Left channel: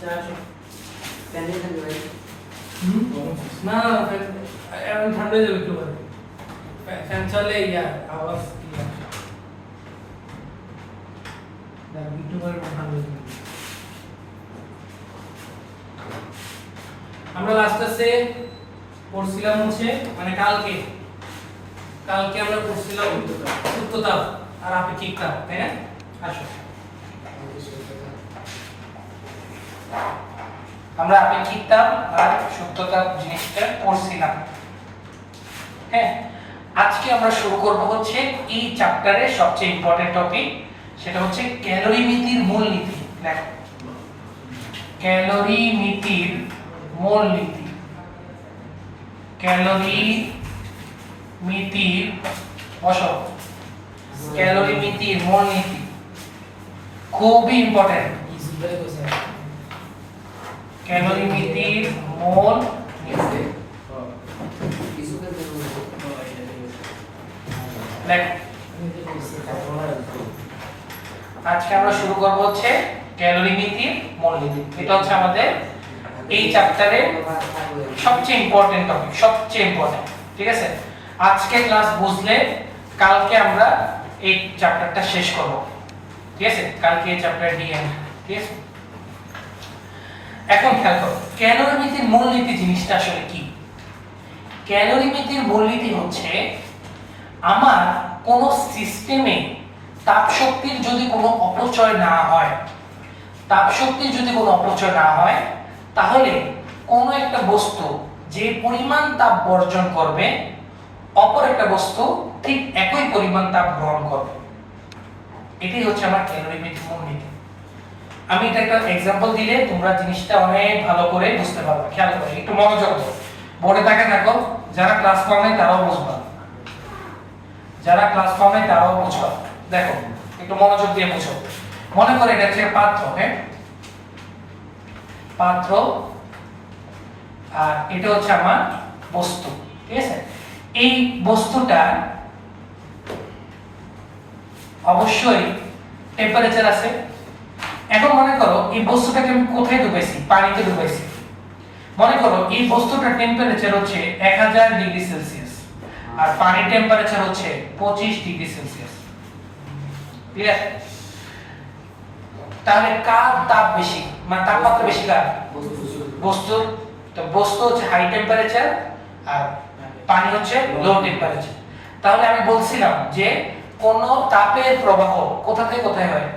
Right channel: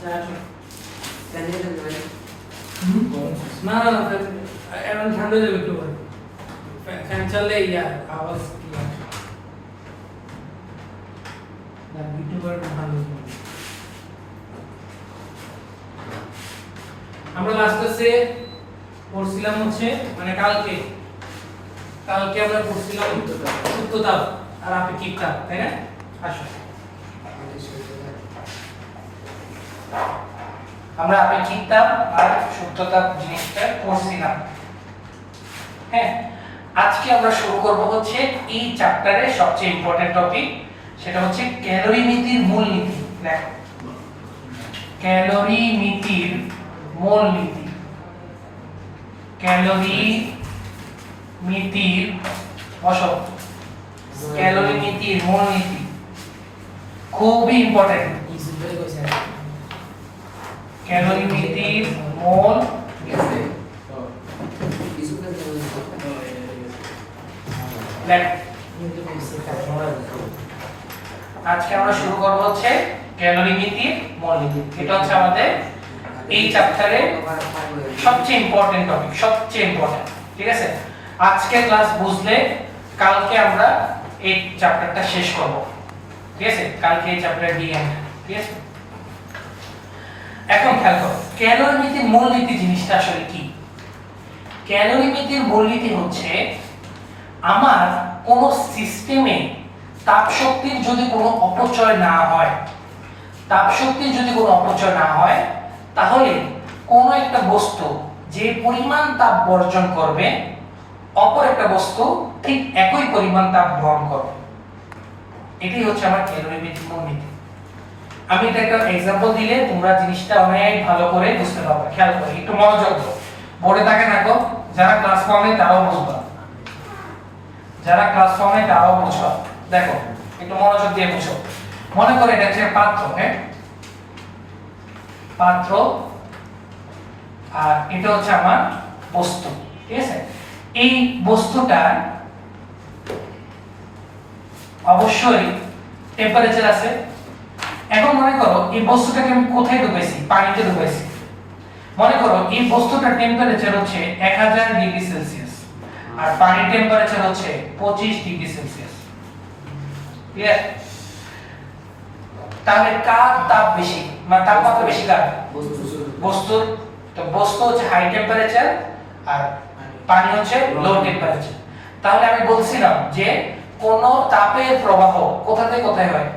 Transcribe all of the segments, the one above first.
না না এখন ঠান্ডা যাবে একটু পরে ফ্যান চললে আওয়াজ একটু পরে ঠান্ডা যাবে। আমরা লাস্ট ক্লাসে পড়ছিলাম হচ্ছে মানে কালকে আমরা পড়ছিলাম সূত্রতাপ আর আপেক্ষিক তাপ, তাই না? আসো আমরা আপেক্ষিক তাপ আর সূত্রতাপ জিনিসটা পড়ছিলাম। হ্যাঁ, আজকে আমরা শুরু করব হচ্ছে এই চ্যাপ্টারের সবচেয়ে ইম্পর্টেন্ট টপিক, সেটা হচ্ছে ক্যালোরিমিতির মূলনীতি। দেখো, ক্যালোরিমিতির মূলনীতি, ক্যালোরিমিতির বসো, ক্যালোরিমিতির মূলনীতি খুবই ইম্পর্টেন্ট। ক্যালোরিমিতির মূলনীতি আজকে আমরা শুরু করব হচ্ছে ক্যালোরিমিতির মূলনীতি। এটা হচ্ছে আমাদের এই চ্যাপ্টারের সবচেয়ে ইম্পর্টেন্ট টপিক, সবচেয়ে ইম্পর্টেন্ট। ঠিক আছে, আজকে ক্লাস বুঝলে কালকে আমরা এই চ্যাপ্টারটা শেষ করব। ঠিক আছে, কালকে এই চ্যাপ্টার ডি এন্ড। ঠিক আছে, এখন খেয়াল করো ক্যালোরিমিতির মূলনীতি জিনিসটা আসলে কি। ক্যালোরিমিতির মূলনীতি হচ্ছে আমার কোন সিস্টেমে তাপ শক্তির যদি কোনো অপচয় না হয়, তাপ শক্তির যদি কোনো অপচয় না হয়, তাহলে কোন একটা বস্তু যে পরিমাণ তাপ বর্জন করবে অপর একটা বস্তু ঠিক একই পরিমাণ তাপ গ্রহণ করবে। এটাই হচ্ছে আমার ক্যালোরিমিতির মূলনীতি। আমি এটা একটা एग्जांपल দিলে তোমরা জিনিসটা অনেক ভালো করে বুঝতে পারবে। খেয়াল করো, একটু মনোযোগ দাও, বোর্ডে তাকে দেখো, যারা ক্লাস ফর্মে তারাও বুঝবে, যারা ক্লাস ফর্মে তারাও বুঝবে। দেখো, একটু মনোযোগ দিয়ে বুঝো। মনে করে এটা হচ্ছে পাত্র, হ্যাঁ পাত্র, আর এটা হচ্ছে আমার বস্তু। ঠিক আছে, এই বস্তুটা অবশ্যই টেম্পারেচার আছে। এখন মনে করো এই বস্তুটাকে আমি কোথায় ডুবাইছি? পানিতে ডুবাইছি। মনে করো এই বস্তুটার টেম্পারেচার হচ্ছে 1000 ডিগ্রি সেলসিয়াস আর পানির টেম্পারেচার হচ্ছে 25 ডিগ্রি সেলসিয়াস। ক্লিয়ার? তাহলে কার তাপ বেশি, মানে তাপমাত্রা বেশি কার? বস্তুর। তো বস্তু হচ্ছে হাই টেম্পারেচার আর পানি হচ্ছে লো টেম্পারেচার। তাহলে আমি বলছিলাম যে কোন তাপের প্রবাহ কোথা থেকে কোথায় হয়?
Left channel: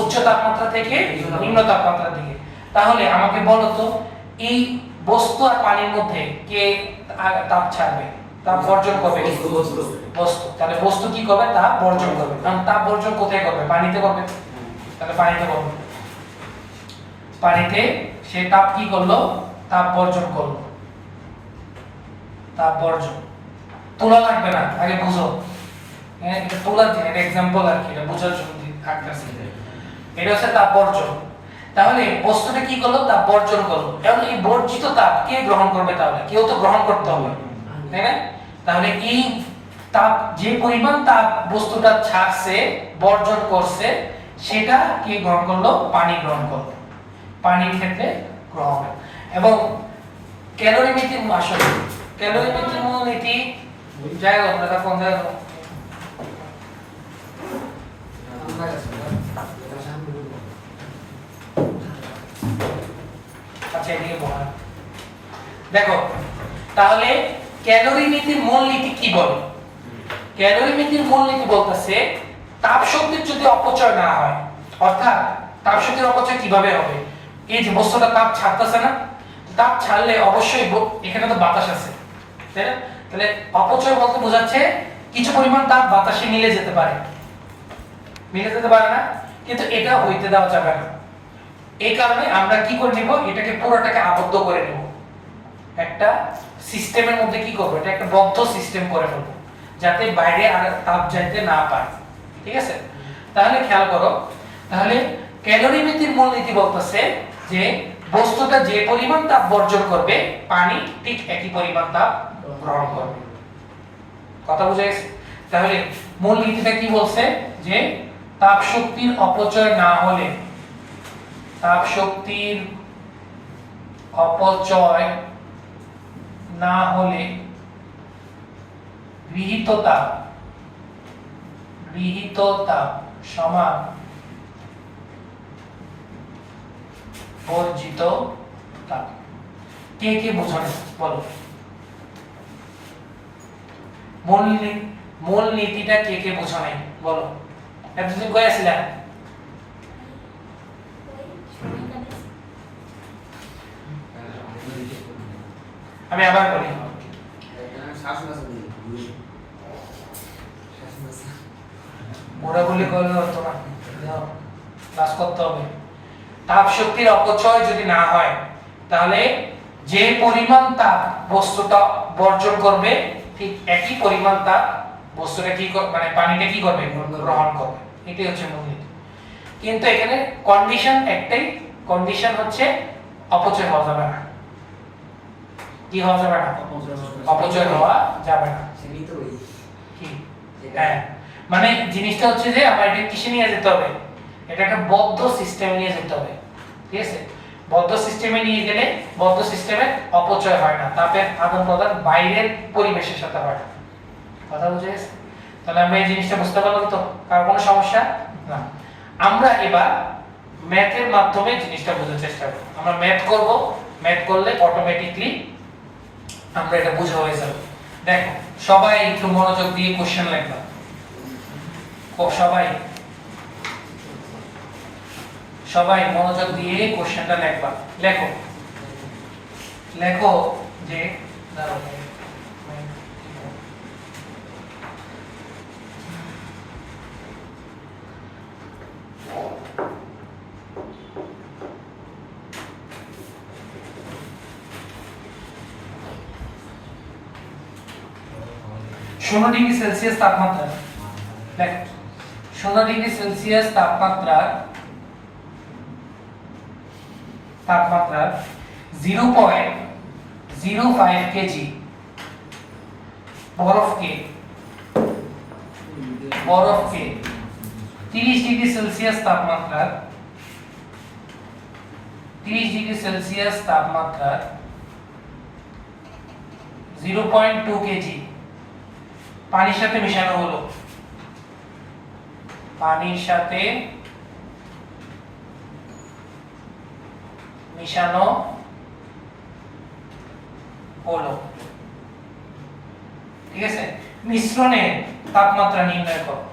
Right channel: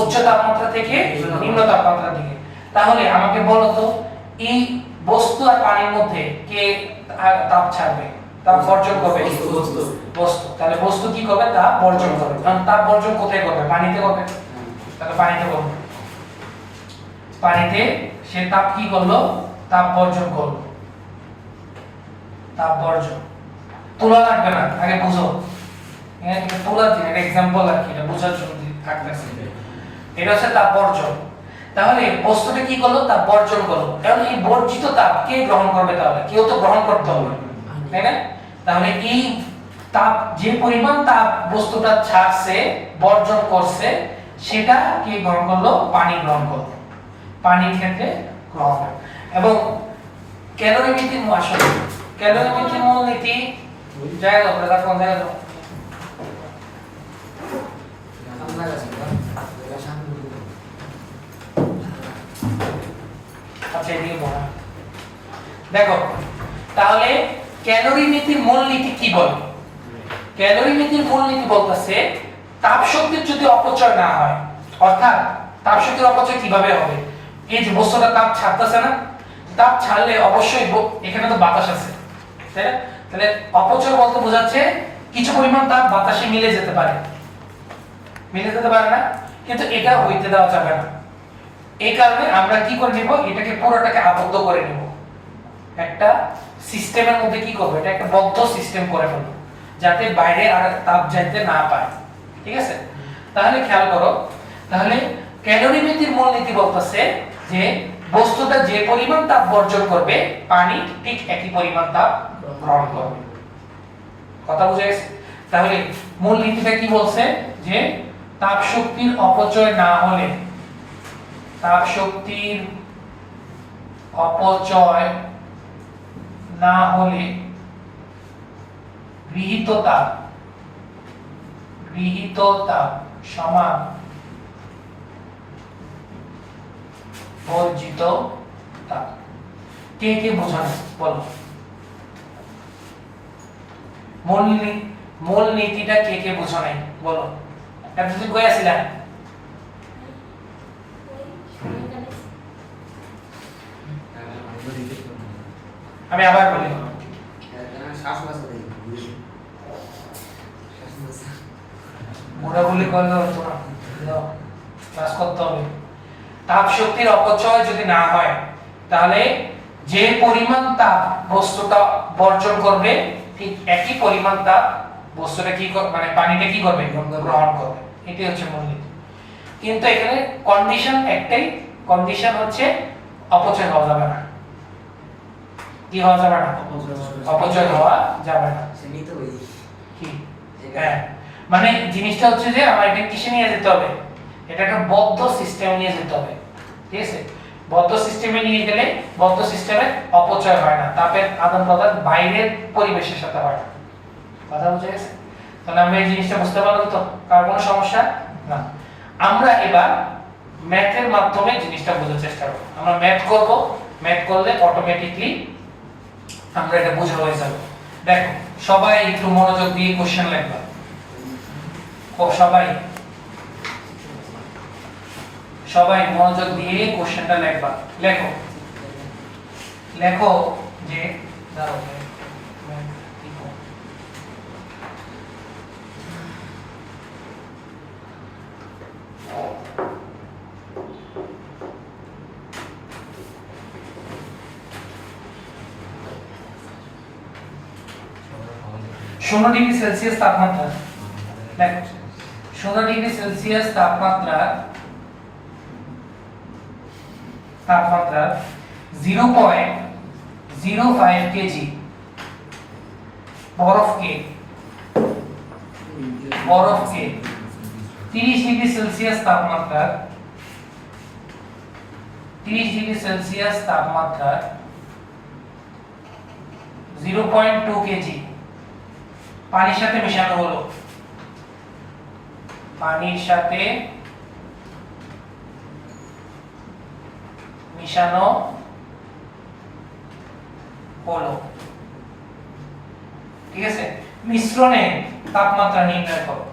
উচ্চ তাপমাত্রা থেকে নিম্ন তাপমাত্রার দিকে। তাহলে আমাকে বলো তো এই বস্তু আর পানির মধ্যে কে তাপ ছাড়বে, তাপ বর্জন করবে? বস্তু। তাহলে বস্তু কি করবে? তাপ বর্জন করবে। কারণ তাপ বর্জন কোথায় করবে? পানিতে করবে। তাহলে পানিতে করবে, পানিতে সে তাপ কি করলো? তাপ বর্জন করলো। তাপ বর্জন তোলা লাগবে না, আগে বুঝো। হ্যাঁ, এটা তোলা দিয়ে একটা एग्जांपल আর কি, এটা বোঝার জন্য থাকতেছে। এটা হচ্ছে তাপ বর্জন। তাহলে বস্তুটা কি করলো? তাপ বর্জন করলো। এখন এই বর্জিত তাপ কে গ্রহণ করবে? তাহলে কেউ তো গ্রহণ করতে হবে, তাই না? তাহলে এই তাপ, যে পরিমাণ তাপ বস্তুটা ছাড়ছে, বর্জন করছে, সেটা কে গ্রহণ করলো? পানি গ্রহণ করলো। পানির ক্ষেত্রে গ্রহণ। এবং ক্যালোরিমিতির আসলে ক্যালোরিমিতির মূলনীতি যাই হোক, আমরা কোন জায়গায় আচ্ছা এদিকে বলা। দেখো, তাহলে ক্যালোরিমিতির মূলনীতি কি বলে? ক্যালোরিমিতির মূলনীতি বলতেছে তাপ শক্তির যদি অপচয় না হয়, অর্থাৎ তাপ শক্তির অপচয় কিভাবে হবে? এই যে বস্তুটা তাপ ছাড়তেছে না, তাপ ছাড়লে অবশ্যই এখানে তো বাতাস আছে, তাই না? তাহলে অপচয় বলতে বোঝাচ্ছে কিছু পরিমাণ তাপ বাতাসে মিলে যেতে পারে, মিলে যেতে পারে না, কিন্তু এটা হইতে দেওয়া যাবে না। এই কারণে আমরা কি করে নিব? এটাকে পুরোটাকে আবদ্ধ করে নিব একটা সিস্টেমের মধ্যে। কি করব? এটা একটা বদ্ধ সিস্টেম করে ফেলব, যাতে বাইরে আর তাপ যাইতে না পারে। ঠিক আছে, তাহলে খেয়াল করো, তাহলে ক্যালোরিমিতির মূলনীতি বলতেছে যে বস্তুটা যে পরিমাণ তাপ বর্জন করবে, পানি ঠিক একই পরিমাণ তাপ গ্রহণ করবে। কথা বুঝে গেছে? তাহলে মূলনীতিটা কি বলছে? যে তাপ শক্তির অপচয় না হলে, তাপ শক্তির অপচয় না হলে গৃহীত তাপ সমান বর্জিত তাপ। কে কে বোঝানো বলো, মূল নীতিটা কে কে বোঝা নাই বলো। এতদিন কই আছিলেন? আমি আবার বলি, ওরা বলি করলে হতো না, ক্লাস করতে হবে। তাপ শক্তির অপচয় যদি না হয় তাহলে যে পরিমাণ তাপ বস্তুটা বর্জন করবে ঠিক একই পরিমাণ তাপ বস্তুটা কি মানে পানিটা কি করবে, গ্রহণ করবে। এটাই হচ্ছে মূল নীতি। কিন্তু এখানে কন্ডিশন একটাই, কন্ডিশন হচ্ছে অপচয় হওয়া যাবে না। কি হওয়া যাবে না? অপচয় হওয়া যাবে না। কি? হ্যাঁ, মানে জিনিসটা হচ্ছে যে আমার এটা কিসে নিয়ে যেতে হবে, এটা একটা বদ্ধ সিস্টেমে নিয়ে যেতে হবে। ঠিক আছে, বদ্ধ সিস্টেমে নিয়ে গেলে বদ্ধ সিস্টেমে অপচয় হয় না, তাপের আদান প্রদান বাইরের পরিবেশের সাথে হয় না। কথা বুঝে গেছে? তাহলে আমরা এই জিনিসটা বুঝতে পারলাম তো, কার কোনো সমস্যা না। আমরা এবার ম্যাথের মাধ্যমে জিনিসটা বোঝার চেষ্টা করব। আমরা ম্যাথ করব, ম্যাথ করলে অটোমেটিকলি আমরা এটা বুঝে হয়ে যাবে। দেখো সবাই একটু মনোযোগ দিয়ে কোশ্চেন লিখবা। সবাই মনোযোগ দিয়ে কোশ্চেনটা লিখবা। লেখো যে দাঁড়াও, শূন্য ডিগ্রি সেলসিয়াস তাপমাত্রা, দেখো 0 ডিগ্রি সেলসিয়াস তাপমাত্রা 0.05 কেজি বরফকে 30 ডিগ্রি সেলসিয়াস তাপমাত্রা 0.2 কেজি পানির সাথে মেশানো হলো। পানির সাথে মিশানো হলো, ঠিক আছে। মিশ্রণের তাপমাত্রা নির্ণয় করো।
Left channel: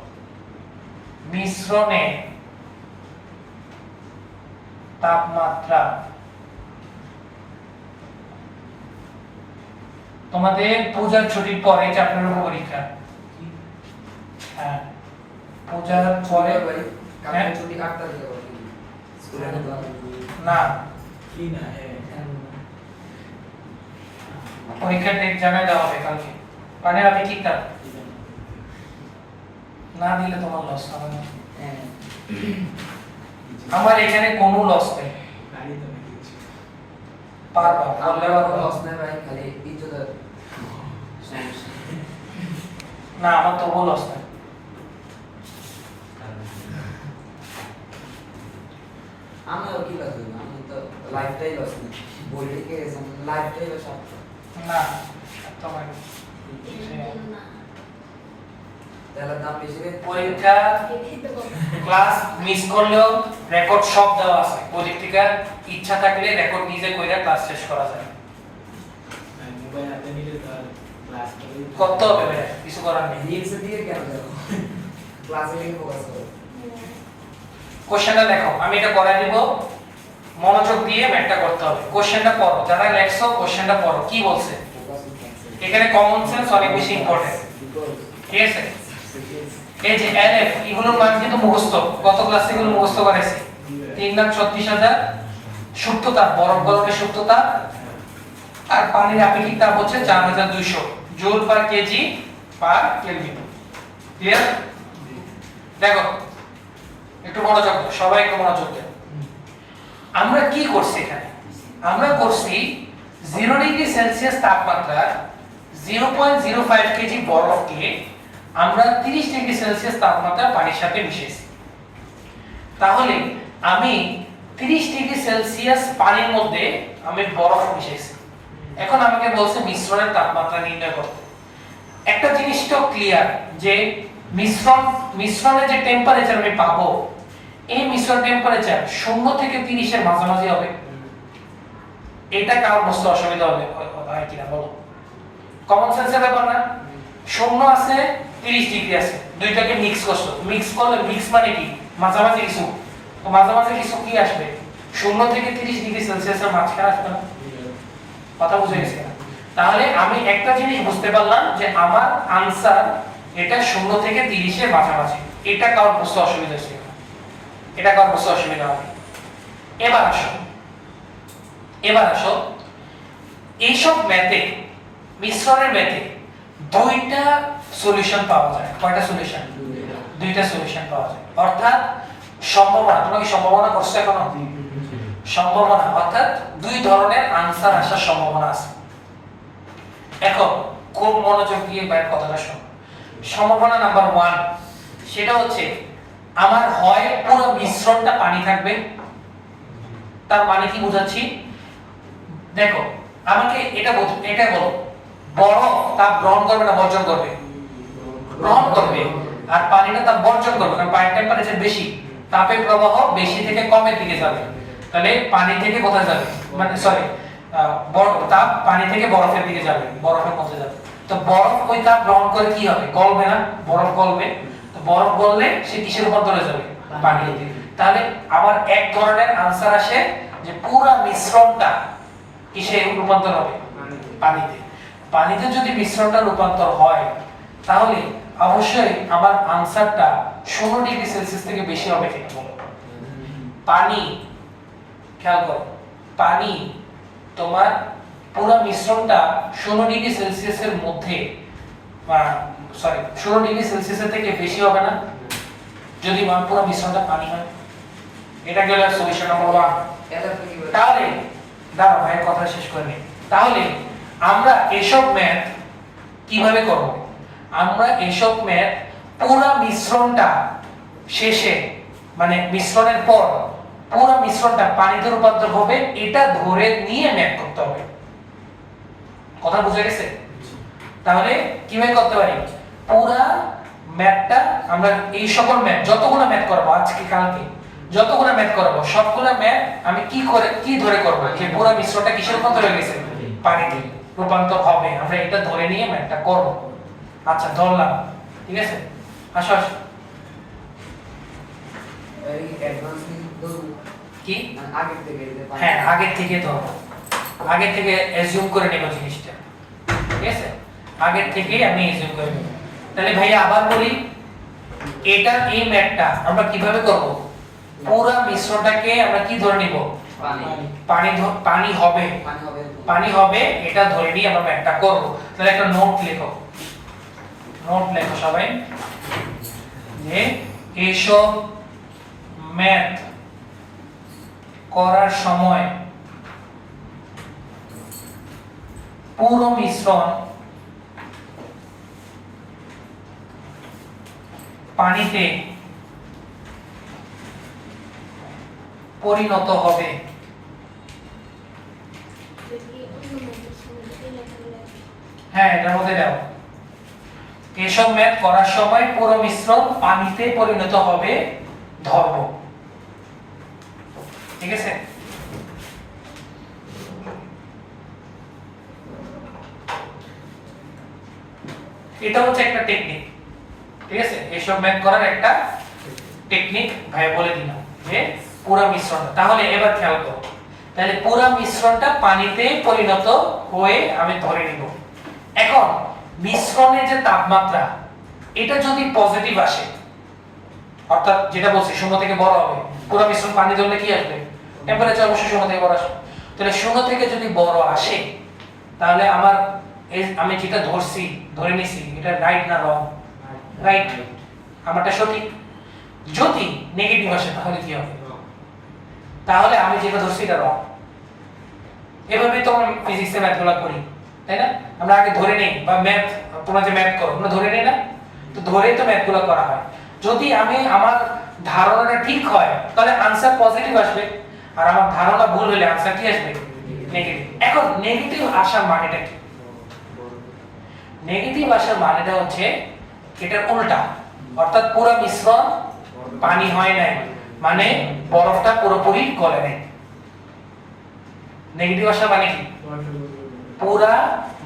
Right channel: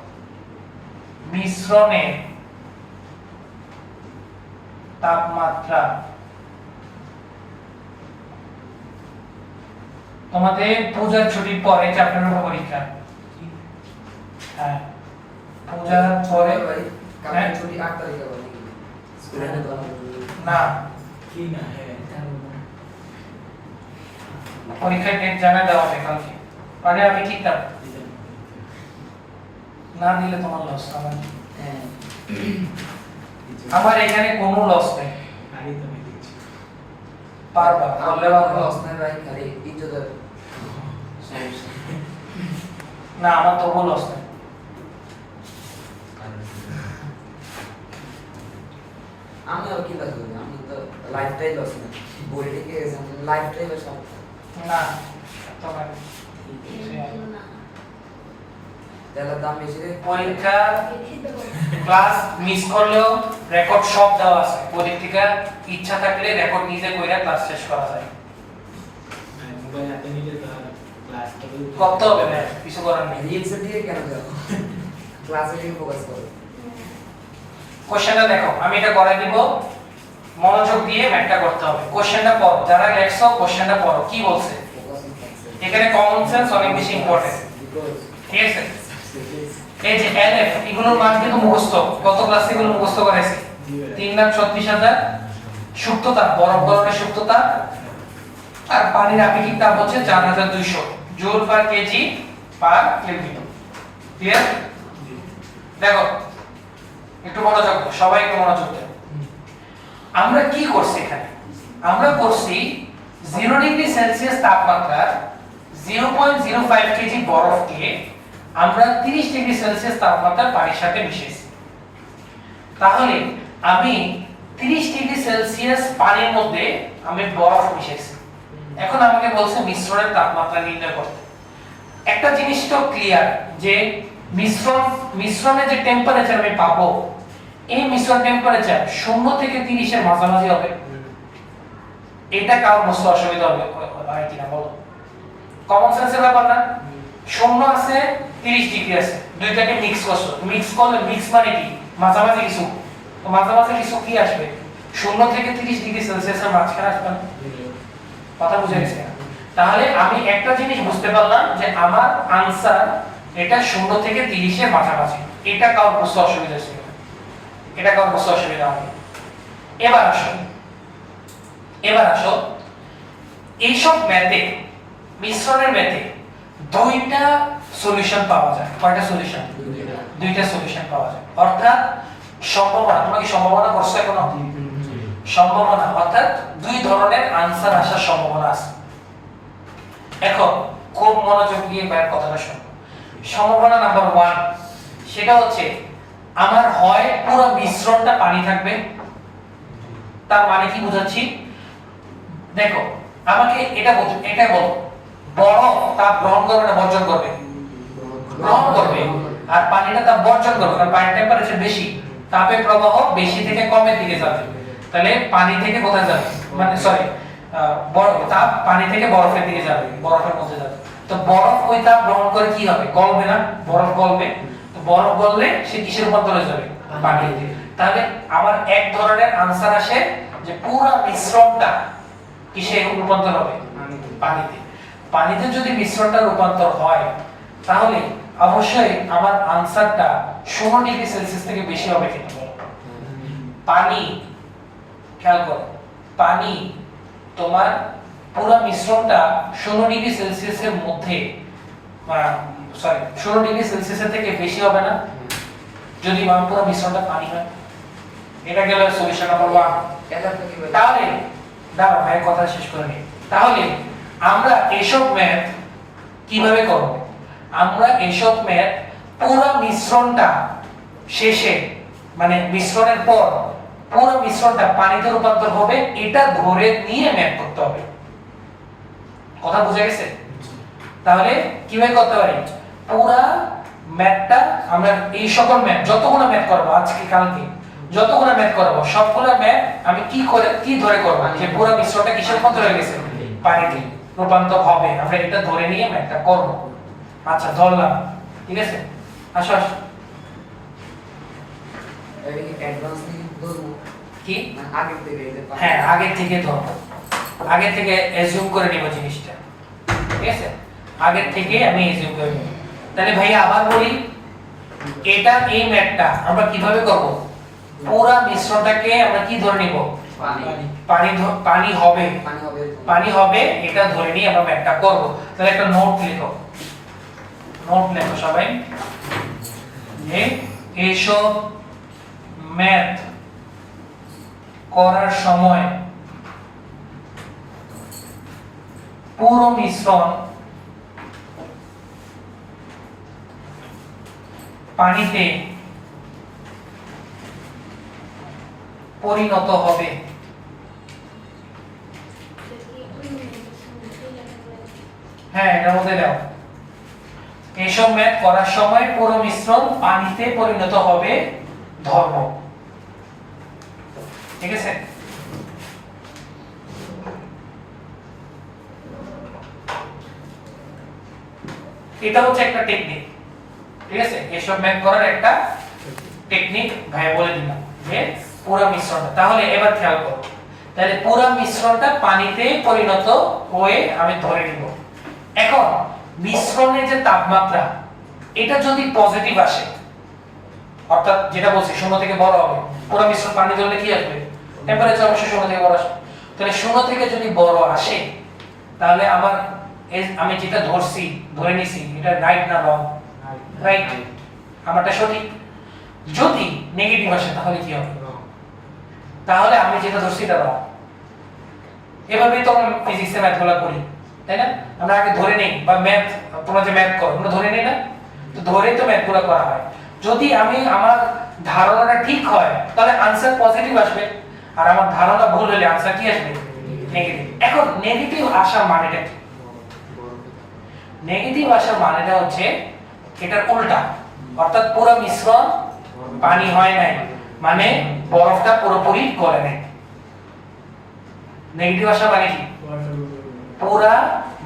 মিশ্রণের তাপমাত্রা তোমাদের পূজার ছুটির পরে চ্যাপ্টারের পরীক্ষা। হ্যাঁ, পূজার পরে ছুটি 8 তারিখে হবে স্কুলে না, কি না পরীক্ষার ডেট জানিয়ে দেওয়া হবে কালকে। মানে আমি কিতাব না দিলে তোমার লস হবে। আমার এখানে কোনো লস নেই, পারবা বললে লস নাই ভাই, খালি ইজ্জতের না, আমার তবু লস নেই। আমি আর কি লস হইল, আমি তো লাইফটাই লস নেই, বই থেকে গেছে লাইফটাই লস। না তোমার তাহলে দাম বেশি রে। পরীক্ষা ক্লাস মিস করলেও রেকর্ড সব দেওয়া আছে। পরীক্ষার ইচ্ছা থাকলে রেকর্ড নিজে কইরা ক্লাস শেষ করা যায়। মোবাইল হাতে নিলে তো ক্লাস করতে হবে ভাই, কিছু করার নেই। রিয়েক্সের দিকে কেন যাও, ক্লাসে গিয়ে ফোকাস করো। কোশ্চেনটা দেখো, আমি এটা করাই দিব, মনোযোগ দিয়ে ম্যাথটা করতে হবে। কোশ্চেনটা পড়ো, যারা লেখছো কোশ্চেনটা পড়ো কি বলছে। এখানে কমন সেন্স অনেক বেশি ইম্পর্টেন্ট, ঠিক আছে। এই যে এলএফ এগুলোর মান কিন্তু মুখস্থ, গত ক্লাসে এগুলো মুখস্থ করেছি। 3,36,000 সুপ্ততা, বরফ গরমের সুপ্ততা, আর পানির আপেক্ষিক তাপ হচ্ছে 4,200 joule per KG per kelvin. Clear? দেখো একটু মনোযোগ, সবাই একটু মনোযোগ দেন। আমরা কি করছি এখানে? আমরা করছি 0 ডিগ্রি সেলসিয়াস তাপমাত্রার 0.05 কেজি বরফকে আমরা 30 ডিগ্রি সেলসিয়াস তাপমাত্রার পানির সাথে মিশিয়েছি। তাহলে আমি 30 ডিগ্রি সেলসিয়াস পানির মধ্যে আমি বরফ মিশাইছি। এখন আমাকে বলছে মিশ্রণের তাপমাত্রা নির্ণয় করতে। একটা জিনিস তো ক্লিয়ার যে মিশ্রণের যে টেম্পারেচার আমি পাবো, এই মিশ্রণ টেম্পারেচার 0 থেকে 30 এর মাঝামাঝি হবে। এটা কারোর বুঝতে অসুবিধা হবে হয় কিনা বলো? কমন সেন্সের ব্যাপার না? 0 আছে, 30 ডিগ্রি আছে, দুইটাকে মিক্স করছো, মিক্স করলে মিক্স মানে কি মাঝামাঝি কিছু, তো মাঝামাঝি কিছু কি আসবে? 0 থেকে 30 ডিগ্রি সেলসিয়াসের মাঝখানে আসবে না? কথা বুঝে গেছে? তাহলে আমি একটা জিনিস বুঝতে পারলাম যে আমার আনসার এটা 0 থেকে 30 এর মাঝামাঝি। এটা কারোর বুঝতে অসুবিধা ছিল? এটা কারোর বুঝতে অসুবিধা হবে? এবার আসো এইসব ম্যাথে, মিশ্রণের ম্যাথে দুইটা সলিউশন পাওয়া যায়। কয়টা সলিউশন? দুইটা সলিউশন পাওয়া যায়। অর্থাৎ সম্ভাবনা, তোমরা কি সম্ভাবনা করছো এখনো? সম্ভাবনা অর্থাৎ দুই ধরনের আনসার আসার সম্ভাবনা আছে। এখন খুব মনোযোগ দিয়ে বাইরের কথাটা শোনো। সম্ভাবনা নাম্বার 1 সেটা হচ্ছে আমার হয় পুরো মিশ্রণটা পানি থাকবে। তার মানে কি বোঝাচ্ছি দেখো, আমাকে এটা বলো, বরফ তাপ গ্রহণ করবে না বর্জন করবে? গ্রহণ করবে। আর পানিটা তাপ বর্জন করবে, কারণ পানির টেম্পারেচার বেশি, তাপের প্রবাহ বেশি থেকে কমের দিকে যাবে। তাহলে পানি থেকে কোথায় যাবে, মানে সরি তাপ পানি থেকে বরফের দিকে যাবে, বরফের মধ্যে যাবে। তো বরফ ওই তাপ গ্রহণ করে কি হবে? গলবে না? বরফ গলবে। তো বরফ গললে সে কিসের রূপান্তরে যাবে? পানিতে। তাহলে আবার এক ধরনের আনসার আসে যে পুরো মিশ্রণটা কিসে রূপান্তর হবে? পানিতে। পানিতে যদি মিশ্রণটা রূপান্তর হয় তাহলে অবশ্যই আমার আনসারটা 16 ডিগ্রি সেলসিয়াস থেকে বেশি হবে কিনা বলো? পানি, খেয়াল করো, পানি তোমার পুরো মিশ্রণটা 16 ডিগ্রি সেলসিয়াসের মধ্যে, সরি 16 ডিগ্রি সেলসিয়াসের থেকে বেশি হবে না যদি পুরো মিশ্রণটা পানি হয়। এটা গেল সলিউশন নাম্বার 1। তাহলে দাঁড়াও ভাই কথা শেষ করে নি। তাহলে আমরা এসব ম্যাথ কিভাবে করব? আমরা এসব ম্যাথ পুরো মিশ্রণটা শেষে, মানে মিশ্রণের পর পুরো মিশ্রণটা পানিতে রূপান্তর হবে এটা ধরে নিয়ে ম্যাথ করতে হবে। কথা বুঝা গেছে? তাহলে কিভাবে করতে পারি? পুরো ম্যাথটা আমরা এই সকল ম্যাথ যতগুলো ম্যাথ করব আজকে কালকে, যতগুলো ম্যাথ করব সবগুলো ম্যাথ আমি কি ধরে করব যে পুরো মিশ্রণটা কিসের রূপান্তর হয়ে গেছে? পানিতে রূপান্তর হবে। আমরা এটা ধরে নিয়ে ম্যাথটা করব। আচ্ছা ধরলাম, ঠিক আছে? আসো আসো। এই অ্যাডভান্স কি আগে থেকে? হ্যাঁ আগে থেকে ধরো, আগে থেকে অ্যাজিউম করে নিব জিনিসটা, ঠিক আছে? আগে থেকে আমি অ্যাজিউম করে নিব। তাহলে ভাইয়া আবার বলি, এটা এই ম্যাথটা আমরা কিভাবে করব? পুরো মিশ্রণটাকে আমরা কি ধরে নিব? পানি হবে, পানি হবে এটা ধরে নিয়ে আমরা ম্যাথটা করব। তাহলে একটা নোট লেখো, সবাই যে এইসব ম্যাথ করার সময় পুরো মিশ্রণ পানিতে পরিণত হবে। হ্যাঁ এটার মধ্যে দাও, এসব ম্যাথ করার সময় পুরো মিশ্রণ পানিতে পরিণত হবে ধর্ম, ঠিক আছে? এটা হচ্ছে একটা টেকনিক, ঠিক আছে? এসব ম্যাথ করার একটা টেকনিক ভাই বলে দিলাম যে পুরো মিশ্রণ। তাহলে এবার খেয়াল করো, তাহলে পুরো মিশ্রণটা পানিতে পরিণত হয়ে আমি ধরে নিব। এখন মিশ্রণের যে তাপমাত্রা এটা যদি পজিটিভ আসে, অর্থাৎ যেটা বলছি 0 থেকে বড় হবে, পুরো মিশ্রণ পানি ধরলে কি আসবে? টেম্পারেচার অবশ্যই 0 থেকে বড় আসবে। তাহলে 0 থেকে যদি বড় আসে তাহলে আমি যেটা ধরে নিছি এটা রাইট না রং? রাইট, আমারটা সঠিক। যদি নেগেটিভ আসে তাহলে কি হবে? তাহলে আমি যেটা ধরছি এটা রং। এভাবেই তো আমরা ফিজিক্সের ম্যাথগুলো করি, তাই না? আমরা আগে ধরে নেই, বা ম্যাথ তোমরা যে ম্যাথ করো আমরা ধরে নেই না, তো ধরেই তো ম্যাথগুলো করা হয়। যদি আমার ধারণাটা ঠিক হয় তাহলে আনসার পজিটিভ আসবে, আর আমার ধারণা ভুল হলে आंसर কি আসবে নেগেটিভ। এখন নেগেটিভ আসার মানেটা কি? নেগেটিভ আসার মানেটা হচ্ছে এটার উল্টা, অর্থাৎ পুরো মিশ্রণ পানি হয় নাই, মানে বরফটা পুরোপুরি গলে নাই। নেগেটিভ আসার মানে কি? পুরা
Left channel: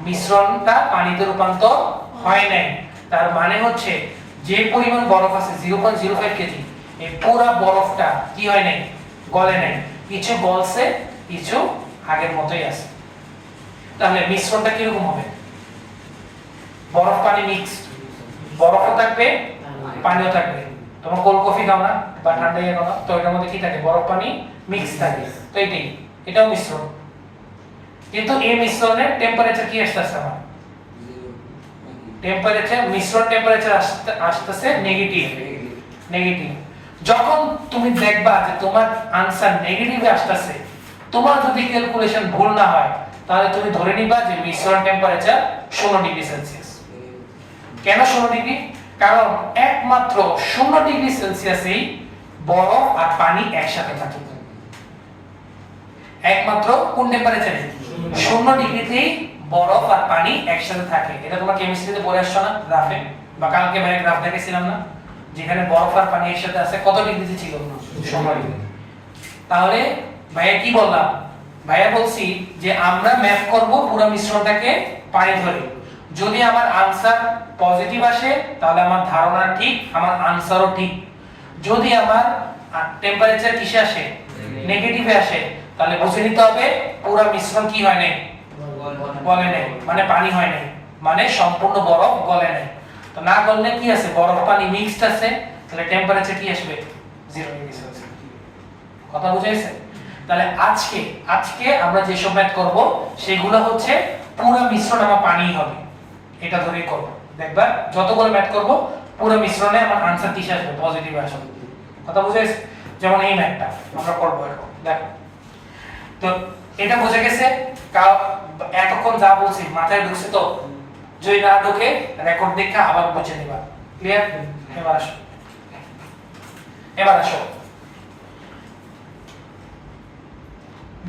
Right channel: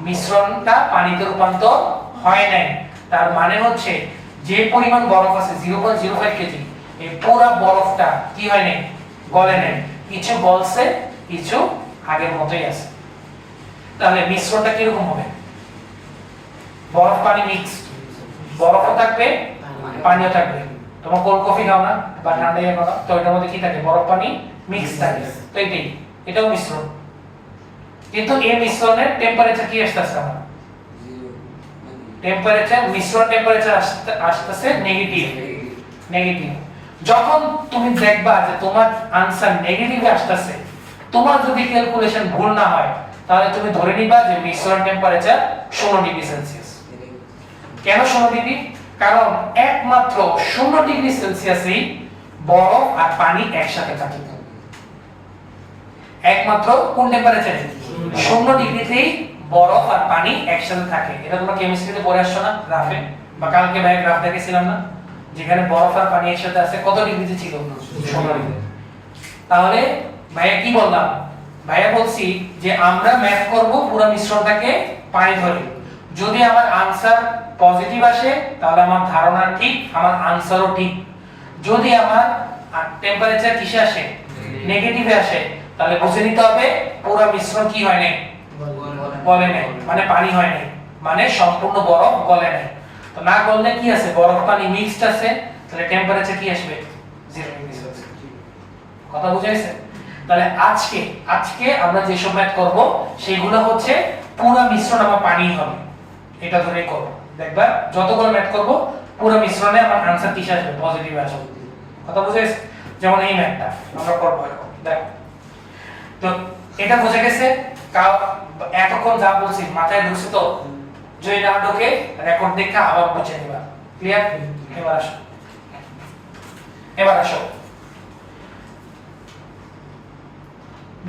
মিশ্রণটা পানিতে রূপান্তর হয় নাই। তার মানে হচ্ছে যে পরিমাণ বরফ আছে 0.05 কেজি, এই পুরা বরফটা কি হয় নাই, গলে নাই। কিছু গলছে, কিছু আগের মতোই আছে। তাহলে মিশ্রণটা কি রকম হবে? বরফ পানি মিক্স, বরফও থাকবে পানিও থাকবে। তোমরা কোল্ড কফি খাও না বা ঠান্ডা ইয়ে খাও না, তো এটার মধ্যে কি থাকে? বরফ পানি মিক্স থাকে। তো এটাও মিশ্রণ, কিন্তু এই মিশ্রণের টেম্পারেচার কি আসছে? আমার টেম্পারেচার, মিশ্রণ টেম্পারেচার আসতেছে নেগেটিভ। নেগেটিভ যখন তুমি দেখবা যে তোমার आंसर নেগেটিভে আসতেছে, তোমার যদি ক্যালকুলেশন ভুল না হয়, তাহলে তুমি ধরে নিবা যে মিশ্রণ টেম্পারেচার 0 ডিগ্রি সেলসিয়াস। কেন 0 ডিগ্রি? কারণ একমাত্র 0 ডিগ্রি সেলসিয়াসেই বরফ আর পানি একসাথে থাকে। একমাত্র কোন টেম্পারেচারে? 0 ডিগ্রিতেই বরফ আর পানি একসাথে থাকে। এটা তোমরা কেমিস্ট্রিতে পড়ে আসছো না গ্রাফে, বা কালকে ভাই গ্রাফ দেখেছিলাম না, যেখানে বরফ আর পানি একসাথে আছে কত ডিগ্রিতে ছিল? 0 ডিগ্রি। তাহলে ভাইয়া কি বললাম? ভাইয়া বলছি যে আমরা ম্যাপ করব পুরো মিশ্রণটাকে পানি ধরে। যদি আমার आंसर পজিটিভ আসে তাহলে আমার ধারণা ঠিক, আমার आंसरও ঠিক। যদি আমার টেম্পারেচার কিসে আসে? নেগেটিভে আসে, তাহলে বুঝে নিতে হবে পুরো মিশ্রণ কি হয় নাই, গলে নাই, মানে পানি হয় নাই, মানে সম্পূর্ণ বরফ গলে নাই। তো না গললে কি আছে? বরফ পানি মিক্সড আছে, তাহলে টেম্পারেচার কি আসবে? 0 ডিগ্রি সেলসিয়াস। কথা বুঝাইছে? তাহলে আজকে আমরা যে সব ম্যাথ করব সেগুলো হচ্ছে পুরো মিশ্রণ আমার পানি হবে, এটা ধরেই করব। দেখবা যতগুলো ম্যাথ করব পুরো মিশ্রণে আমার आंसर কিসে আসবে? পজিটিভ আসবে। কথা বুঝাইছে? যেমন এই ম্যাথটা আমরা করব এখন, দেখো। তো এটা বুঝে গেছে? এতক্ষণ যা বলছি মাথায় ঢুকছে তো? যদি না ঢোকে রেকর্ড দেখে আবার বুঝে নিবা। ক্লিয়ার? এবার আসো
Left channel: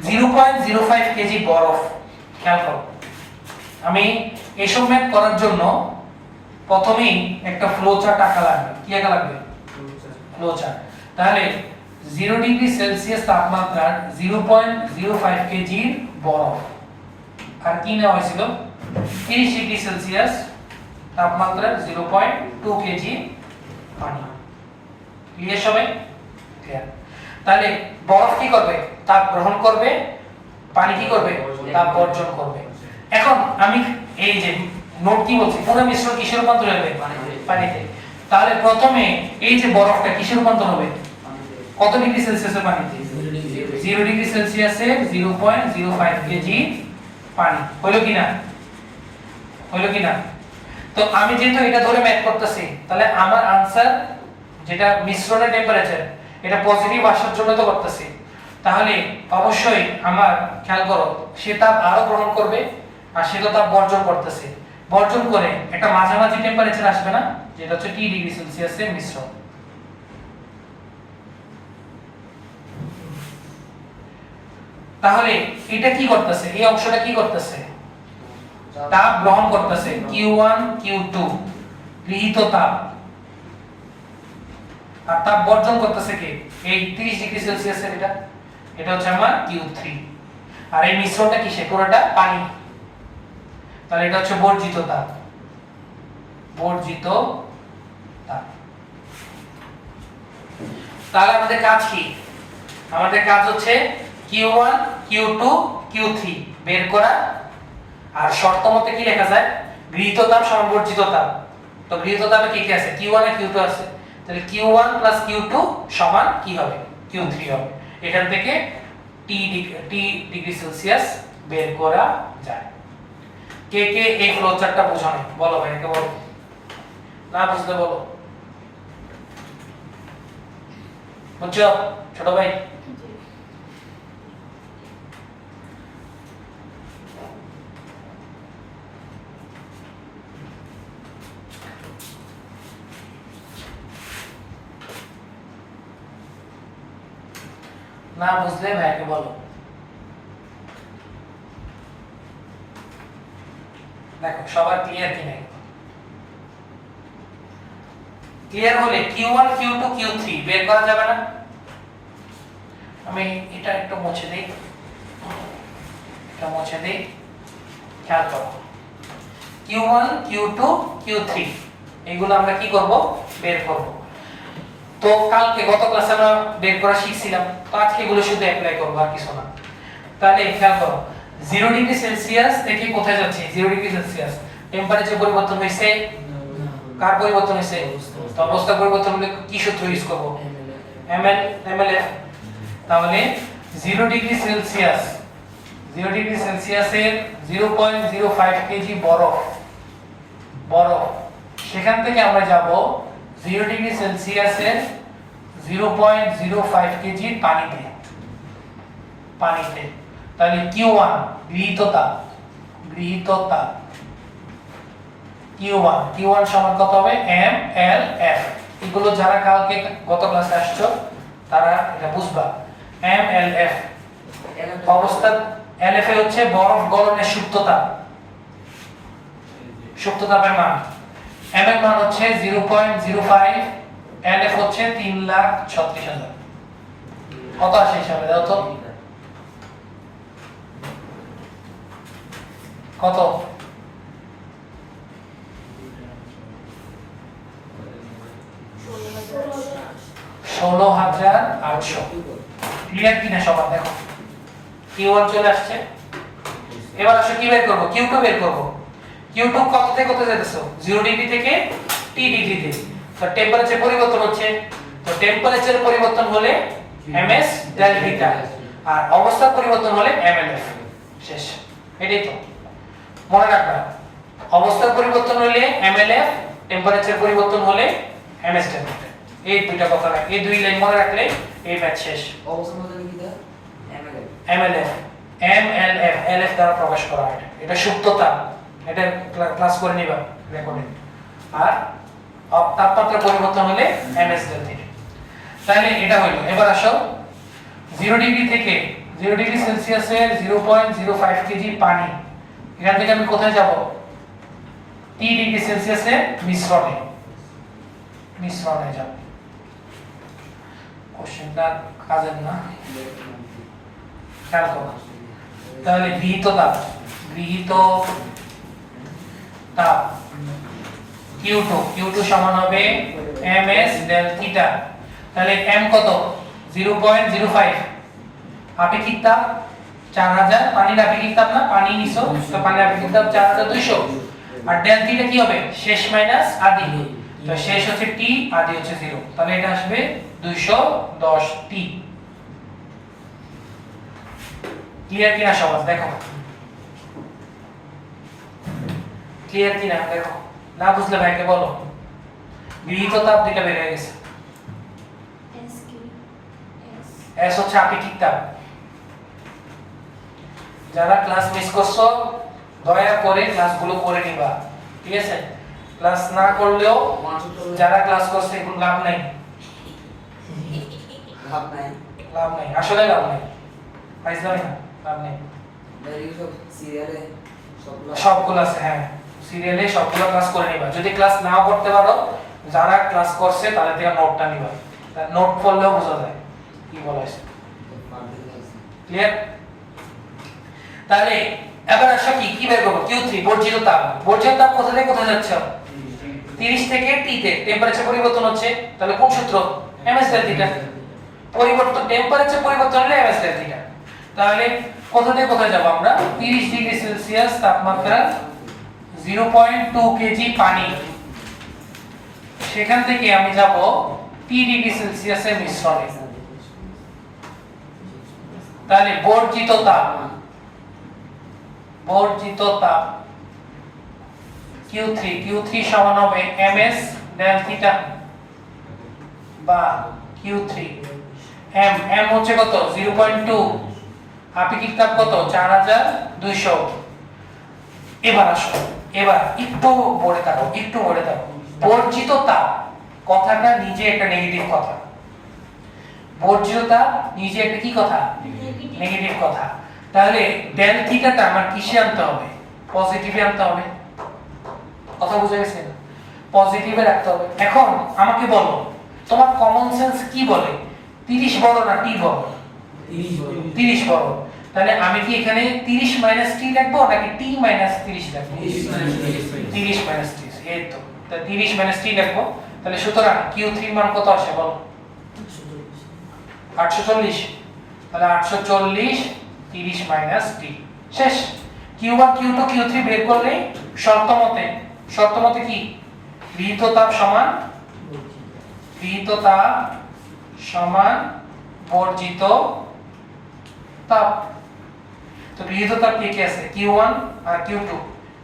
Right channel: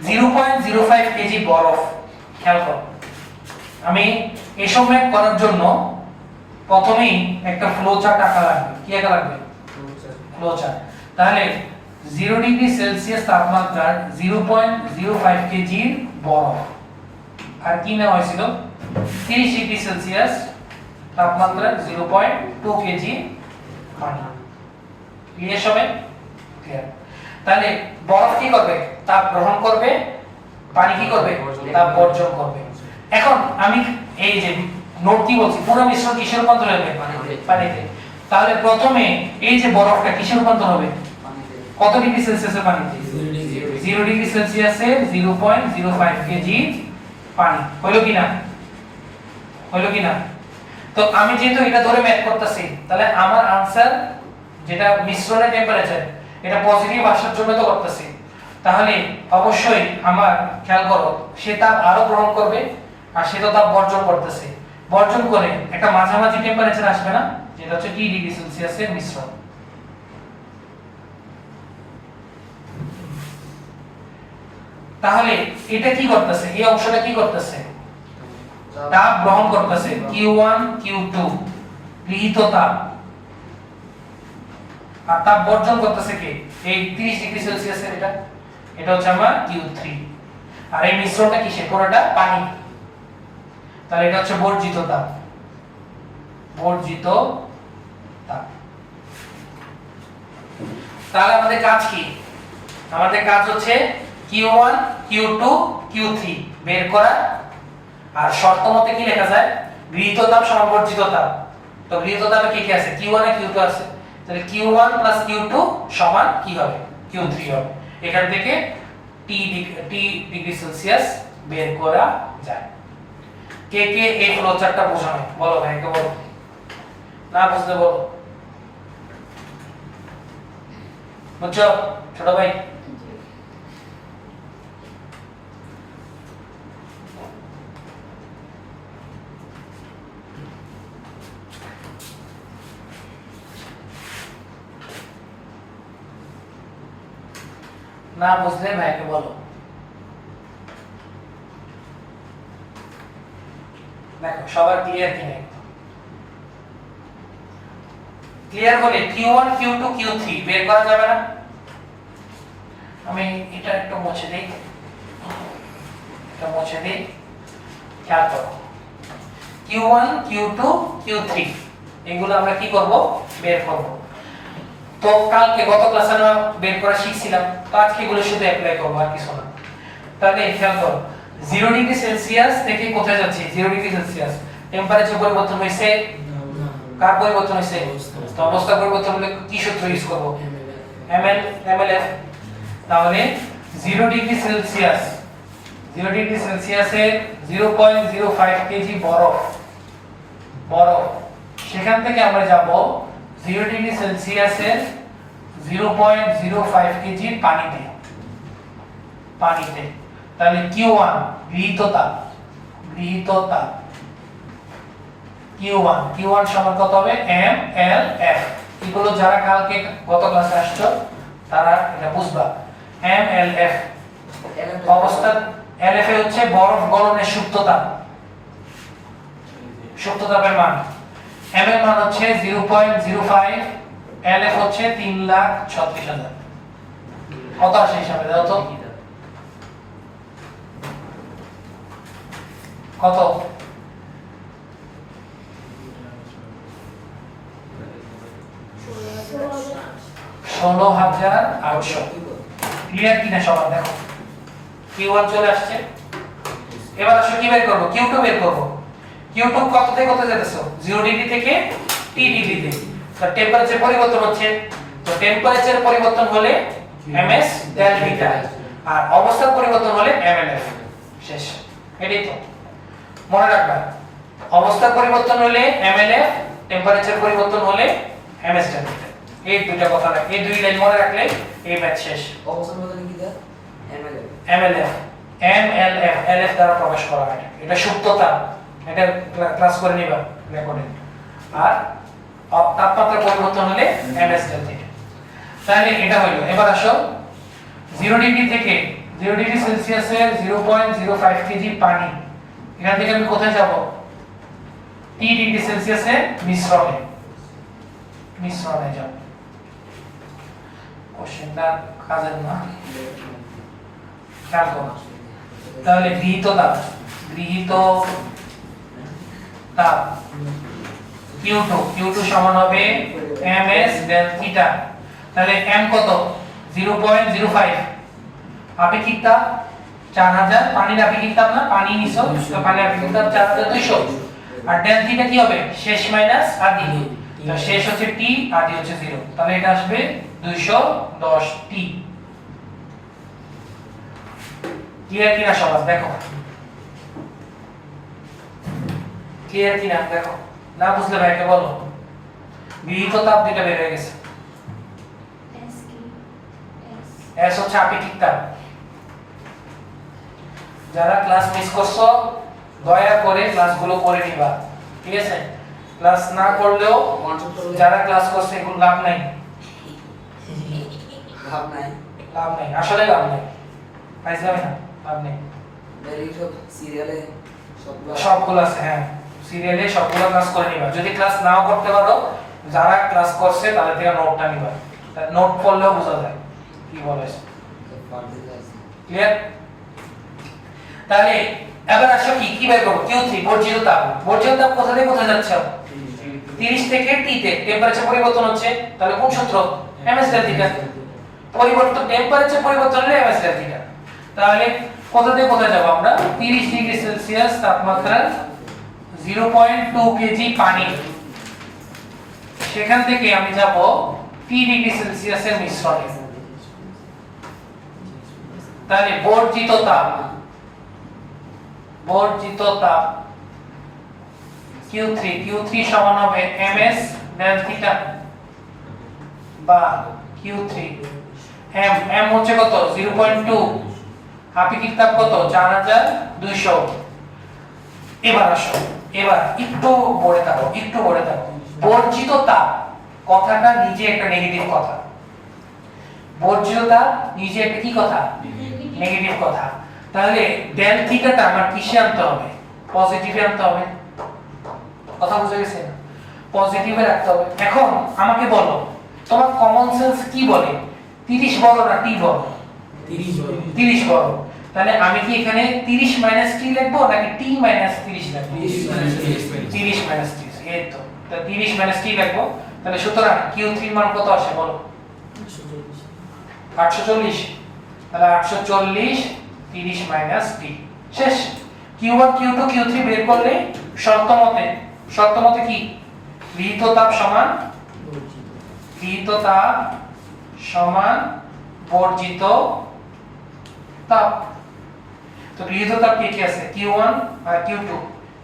0.05 কেজি বরফ। খেয়াল করো, আমি এসব ম্যাথ করার জন্য প্রথমেই একটা ফ্লো চার্ট আঁকা লাগবে। কি আঁকা লাগবে? Flow chart. তাহলে 0 ডিগ্রি সেলসিয়াস তাপমাত্রার 0.05 কেজি বরফ, আর কি নেওয়া হয়েছিল? 30 ডিগ্রি সেলসিয়াস তাপমাত্রার 0.2 কেজি পানি। ক্লিয়ার সবাই? ক্লিয়ার। তাহলে বরফ কি করবে? তাপ গ্রহণ করবে, পানি কি করবে? তাপ বর্জন করবে। এখন আমি এই যে নোট কি বলছি, পুরো মিশ্রণ কিসে রূপান্তর হবে? পানিতে। তাহলে প্রথমে এই যে বরফটা কিসে রূপান্তর হবে? কত ডিগ্রি সেলসিয়াসের পানিতে? 0 ডিগ্রি সেলসিয়াসের 0.05 কেজি পানি। হলো কিনা? হলো কিনা? তো আমি যেহেতু এটা ধরে ম্যাথ করতেছি, তাহলে আমার आंसर যেটা মিশ্রণের টেম্পারেচার, এটা পজিটিভ আসার জন্য তো করতেছি। তাহলে অবশ্যই আমার খেয়াল করো, সে তাপ আরো গ্রহণ করবে আর সে তো তাপ বর্জন করতেছে। বর্জন করে একটা মাঝামাঝি টেম্পারেচার আসবে না, যেটা হচ্ছে 30 ডিগ্রি সেলসিয়াসের মিশ্রণ। তাহলে এটা কি করতেছে? এই অংশটা কি করতেছে? তাপ গ্রহণ করতেছে, Q1 Q2 গৃহীত তাপ, আর তাপ বর্জন করতেছে কে? এই 30 ডিগ্রি সেলসিয়াসের এটা হচ্ছে আমার Q3। আর এই মিশ্রণটা কিসে? পুরোটা পানি। তাহলে এটা হচ্ছে বর্জিত তাপ। বর্জিত তাপ। তাহলে আমাদের কাজ কি? আমাদের কাজ হচ্ছে Q1 Q2 Q3 বের করা। আর শর্ত মতে কি লেখা যায়? গৃহীত তাপ সমান বর্জিত তাপ। তো গৃহীত তাপে কি কি আছে? Q1 আর Q2 আছে। তাহলে Q1 + Q2 সমান কি হবে? Q3 হবে। এখান থেকে T ডিগ্রি সেলসিয়াস বের করা যায়। কে কে এই ফ্লো চার্টটা বোঝানো? বলো ভাই, কে বলো? না বুঝলে বলো। বুঝছো ছোট ভাই? না বুঝলে ভাইকে বলো। দেখো সবার ক্লিয়ার কি নাই? ক্লিয়ার হলে Q1 Q2 Q3 বের করা যাবে না? আমি এটা একটু মুছে দেই, খেয়াল করো Q1 Q2 Q3 এগুলো আমরা কি করব? বের করব। তো কালকে গত ক্লাসে আমরা বের করা শিখছিলাম, তো আজকে এগুলো শুধু অ্যাপ্লাই করব আর কিছু না। তাহলে খেয়াল করো 0 ডিগ্রি সেলসিয়াস থেকে কোথায় যাচ্ছে? 0 ডিগ্রি সেলসিয়াস টেম্পারেচার পরিবর্তন হইছে, কার পরিবর্তন হইছে? তো অবস্থা পরিবর্তন হলে কি সূত্র ইউজ করব? mlf। তাহলে 0 ডিগ্রি সেলসিয়াসের 0.05 কেজি বরফ, সেখান থেকে আমরা যাব 0 ডিগ্রি সেলসিয়াসের 0.05 কেজি পানিতে। তাহলে Q1 গৃহীত তাপ Q1 সমান কত হবে? mlf। এগুলো যারা কালকে গত ক্লাসে আসছো তারা এটা বুঝবা। mlf অবস্থা, LF এ হচ্ছে বরফ গলনের সুপ্ত তাপের মান, m এর মান হচ্ছে 0.05, LF হচ্ছে 3,36,000। কত আসে হিসাবে দাও তো? কত? 16,800। ক্লিয়ার কিনা সবার? দেখো Q1 চলে আসছে। এবার আসো কি বের করব? Q2 বের করব। Q2 কত থেকে কত যেতেছো? 0 ডিগ্রি থেকে T ডিগ্রিতে। তো টেম্পারেচার পরিবর্তন হচ্ছে, তো টেম্পারেচার পরিবর্তন হলে ms ডেল থিটা, আর অবস্থার পরিবর্তন হলে mlf। শেষ। এটাই তো মনে রাখবা, অবস্থার পরিবর্তন হলে mlf, টেম্পারেচার পরিবর্তন হলে ms ডেল থিটা। এই দুইটা কথা রাখ, এই দুই লাইন মনে রাখলে এই ম্যাথ শেষ। অবস্থার বদলে কি দেয়? mlf LF দ্বারা প্রকাশ করা হয়। এটা সুপ্ত তাপ, এটা ক্লাস করে নিবা রেকর্ডে। আর তাপমাত্রা পরিবর্তন হলে ms ডেল থিটা। তাহলে এটা হলো। এবার আসো 0 ডিগ্রি সেলসিয়াসের 0.05 কেজি পানি, এখান থেকে আমি কোথায় যাব? T ডিগ্রি সেলসিয়াসে মিশ্রণে যাব। কোশ্চেনটা কাজের না, খেয়াল করো। তাহলে গৃহীত তাপ Q2 সমান হবে ms ডেল থিটা। তাহলে m কত? 0.05। আপেক্ষিক তাপ 4000, পানির আপেক্ষিক তাপ না, পানি নিছো তো পানির আপেক্ষিক তাপ 4200। আর ডেল থিটা কি হবে? শেষ মাইনাস আদি, তো শেষ হচ্ছে t, আদি হচ্ছে 0। তাহলে এটা আসবে 210 t। ক্লিয়ার কিনা সবার? দেখো ক্লিয়ার কিনা? দেখো না বুঝলে ভাইকে বলো। গৃহীত তাপ দুইটা বের হয়ে গেছে। S হচ্ছে আপেক্ষিক তাপ। যারা ক্লাস মিস করছো দয়া করে ক্লাসগুলো করে নিবা, ঠিক আছে? ক্লাস না করলেও যারা ক্লাস করছে এগুলো লাভ নাই, আসলে লাভ নাই, পাইছাই না, লাভ নাই। সিরিয়ালে সবগুলো আছে, হ্যাঁ সিরিয়ালে সবগুলো ক্লাস করে নিবা। যদি ক্লাস নাও করতে পারো, যারা ক্লাস করছে তাদের থেকে নোটটা নিবা, নোট পড়লেও বোঝা যায় কি বলা হয়েছে। ক্লিয়ার? তাহলে এবার আসো কি বের করব? Q3 বর্জিত তাপ কোথা থেকে কোথায় যাচ্ছে? 30 থেকে T তে টেম্পারেচার পরিবর্তন হচ্ছে, তাহলে কোন সূত্র? ms del theta. পরিবর্তন, টেম্পারেচার পরিবর্তন হলে ms ডেল থিটা। তাহলে কোথা থেকে কোথায় যাব আমরা? 30 ডিগ্রি সেলসিয়াস তাপমাত্রা 0.2 কেজি পানি, সেখান থেকে আমি যাব T ডিগ্রি সেলসিয়াসের মিশ্রণে। তাহলে বর্জিত তাপ Q3 সমান হবে ms ডেল থিটা বা Q3। m হচ্ছে কত? 0.2, আপেক্ষিক তাপ কত? 4200। এবার আসো, এবার একটু পড়ে থাকো। বর্জিত তাপ কথাটা নিজে একটা নেগেটিভ কথা। বর্জ্যতা নিজে একটা কি কথা, নেগেটিভ কথা। তাহলে ডেল থিটাটা আমার কিসে আনতে হবে, পজিটিভে আনতে হবে। কথা বুঝা গেছে? পজিটিভে রাখতে হবে। এখন আমাকে বলো তোমার কমন সেন্স কি বলে, 30 বড় না টি বড়? 30 বড়। তাহলে আমি কি এখানে 30 মাইনাস টি লিখবো নাকি টি মাইনাস 30 লিখবো? 30 মাইনাস 30, এই তো। তাহলে 30 মাইনাস টি লিখবো। তাহলে সুতরাং Q3 এর মান কত আসে বলো? 840। তাহলে 840 30 মাইনাস টি, শেষ। Q1 Q2 Q3 বের করলে শর্ত মতে কি গৃহীত তাপ সমান বর্জিত তাপ। তো গৃহীত তাপ কি কি আছে, Q1 আর Q2,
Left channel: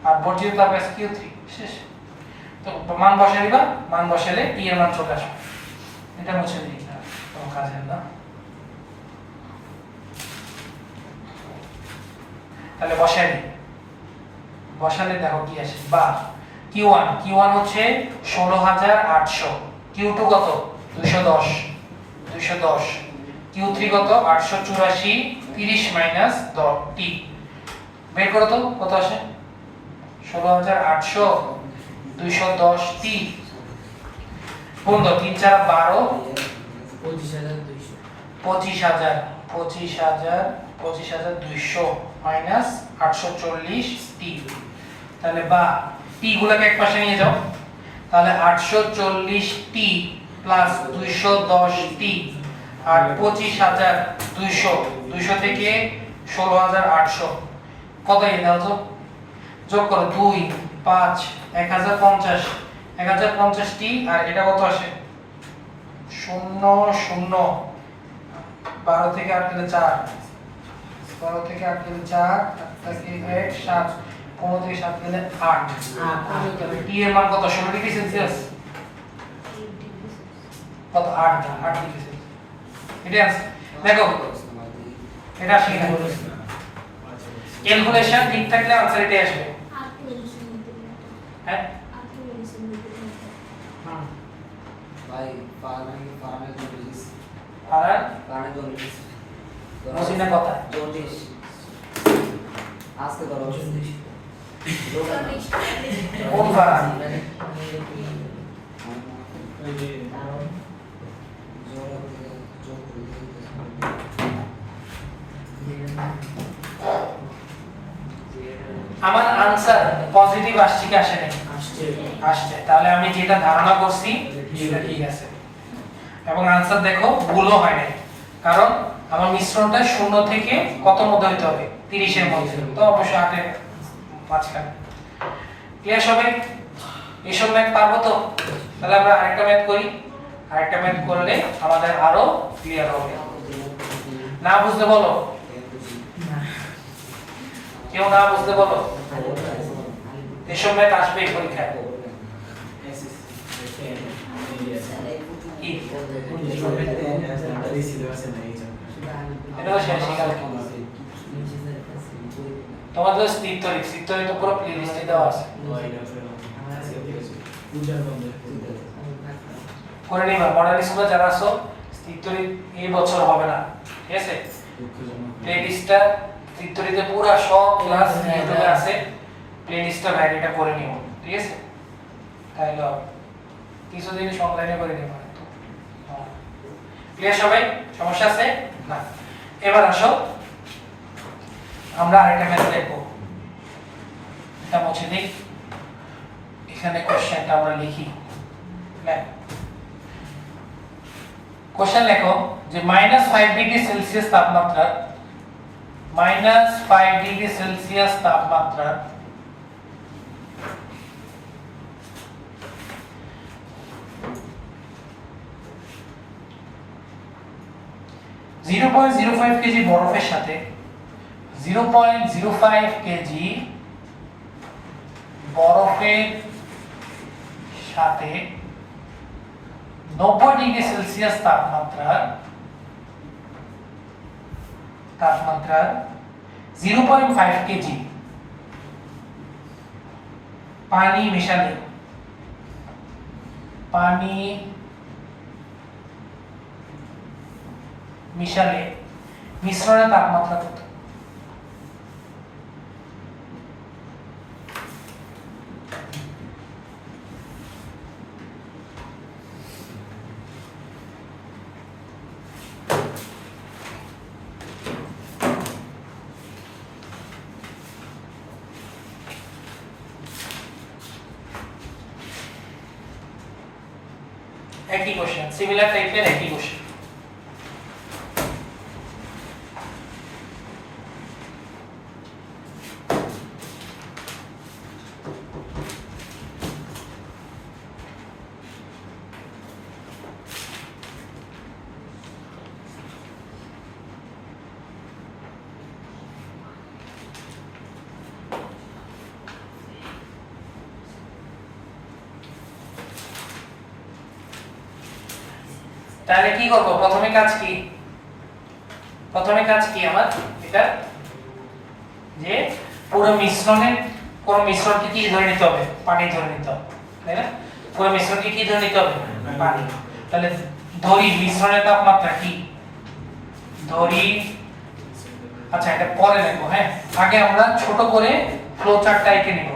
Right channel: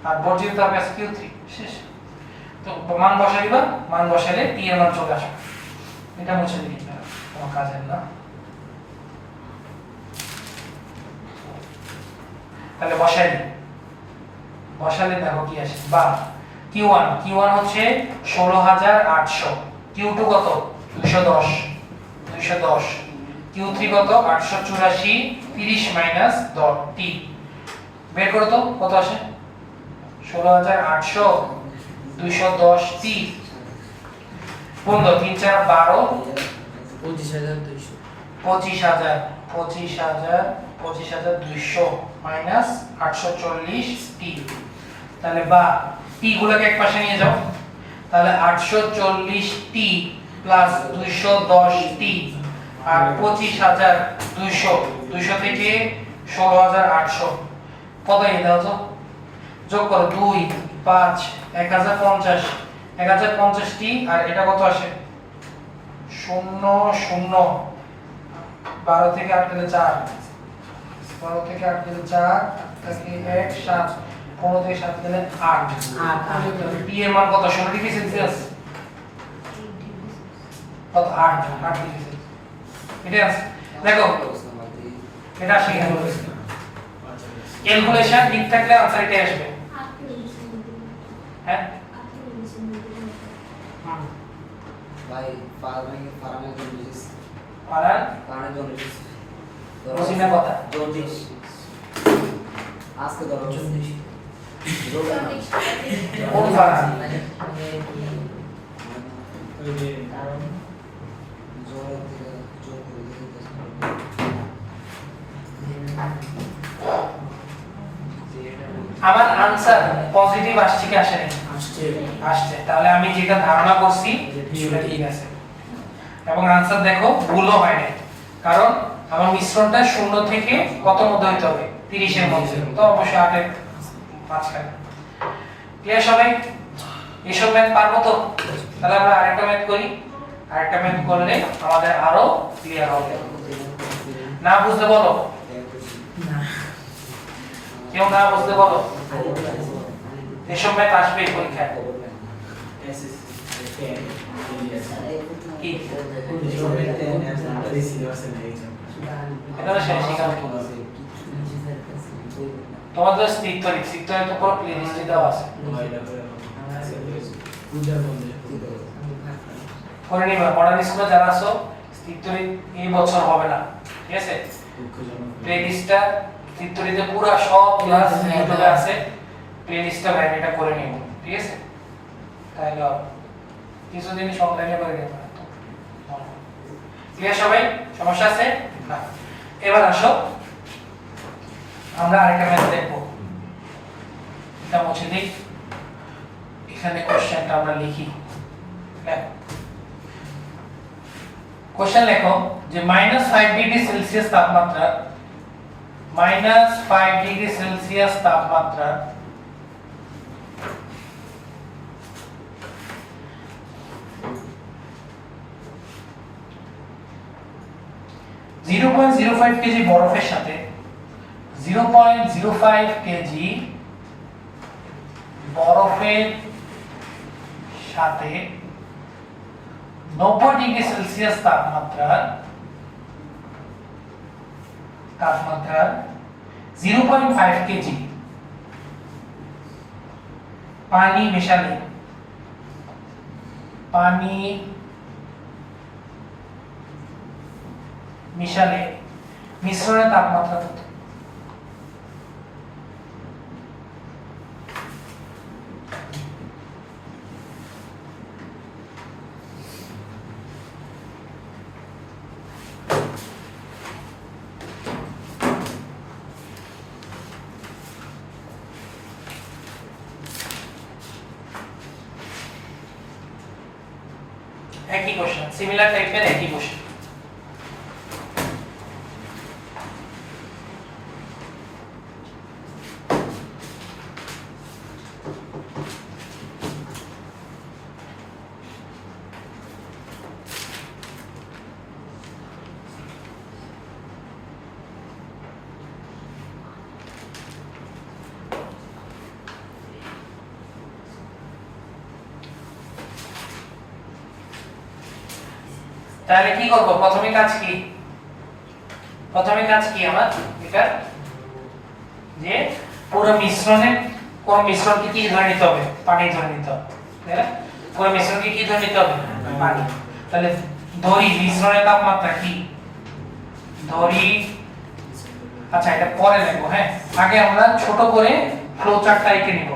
আর বর্জিত তাপ আছে Q3, শেষ। তো মান বসাই দিবা, মান বসালে টি এর মান চলে আসবে। এটা মুছে দিই না, তোমার কাজের না। তাহলে বসালে দেখো কি আসে, বা Q1 হচ্ছে 16800, Q2 কত 210, Q3 কত 884, 30 মাইনাস টি বের করো তো কত আসে, 16800 210 টি গুণ 3 4 12, 25200 মাইনাস 840 টি। তাহলে বা টি গুলোকে এক পাশে নিয়ে যাও, তাহলে 840 টি প্লাস 210 টি আর 25200 থেকে 16800 কত এ দাও তো, যোগ করো 2 5 1050 টি, আর এটা কত আসে 0 0 12 থেকে 8 গেলে 4, 12 থেকে 8 গেলে 4, 8 থেকে 1 7, 15 থেকে 7 গেলে 8। টি এর মান কত, 16 ডিগ্রি সেলসিয়াস, কত 8 ডিগ্রি সেলসিয়াস। এটা আছে দেখো, এটা আসে কিনা ক্যালকুলেশন ঠিক থাকলে आंसर এটা আসবে। হ্যাঁ ভাই ফারামে জলদিস ফারামে জলদিস রসিনা কথা জলদিস আজকে ধরো কোন ফারাম ওই যে আমার आंसर পজিটিভ আসছে কি আসে নাই? আসছে। তাহলে আমি যেটা ধারণা করছি সেটা ঠিক আছে, এবং आंसर দেখো ভুলও হয় নাই, কারণ আমার মিশ্রণটা 0 থেকে কত মধ্যে হতে হবে, 30 এর মধ্যে। তো অবশ্যই আগে মাঝখানে। ক্লিয়ার সবাই? এসব ম্যাথ পারবো তো? তাহলে আমরা আরেকটা ম্যাথ করি, আরেকটা ম্যাথ করলে আমাদের আরো ক্লিয়ার হবে। না বুঝতে বলো, কেউ না বুঝতে বলো, এসব ম্যাথ আসবে পরীক্ষায়। কি এটা তো শেষ হয়ে গেল। তোমাদের স্থিরতরি তো পুরো প্লে লিস্টে দেওয়া আছে, করে নিবা। মডেল স্কুলে যারা আছো স্থিরতরি এই বছর হবে না, ঠিক আছে? প্লে লিস্টটা স্থিরতরিতে পুরো সব ক্লাস ইউটিউবে আছে, প্লে লিস্টটা ভাইটা করে নিও, ঠিক আছে? তাহলে কিছু জিনিস অনলাইনে করে নিতে পারো। ক্লিয়ার সবাই? সমস্যা আছে না? এবার আসো আমরা আরেকটা ম্যাথ দেখব। এটা মুছে দিই, এখানে কোশ্চেনটা আমরা লিখি। কোশ্চেন লেখো যে -5 ডিগ্রি সেলসিয়াস তাপমাত্রা, -5 ডিগ্রি সেলসিয়াস তাপমাত্রা (0.05 কেজি বরফের সাথে 0.05 কেজি বরফের সাথে 90 ডিগ্রি সেলসিয়াস তাপমাত্রার 0.5 কেজি পানি মেশালে, মিশালে মিশ্রণের তাপমাত্রা কত? একই কোশ্চেন, সিমিলার টাইপের একই কোশ্চেন। তাহলে কি করব? প্রথমে কাজ কি আমার এটা যে পুরো মিশ্রণের কোন মিশ্রণকে কি ধরে নিতে হবে? পানি ধরে নিতে হবে, তাই না? পুরো মিশ্রণকে কি ধরে নিতে হবে? পানি। তাহলে ধরি মিশ্রণের তাপমাত্রা কি? ধরি, আচ্ছা এটা পরে লিখবো, হ্যাঁ আগে আমরা ছোট করে ফ্লো চার্টটা এঁকে নিব।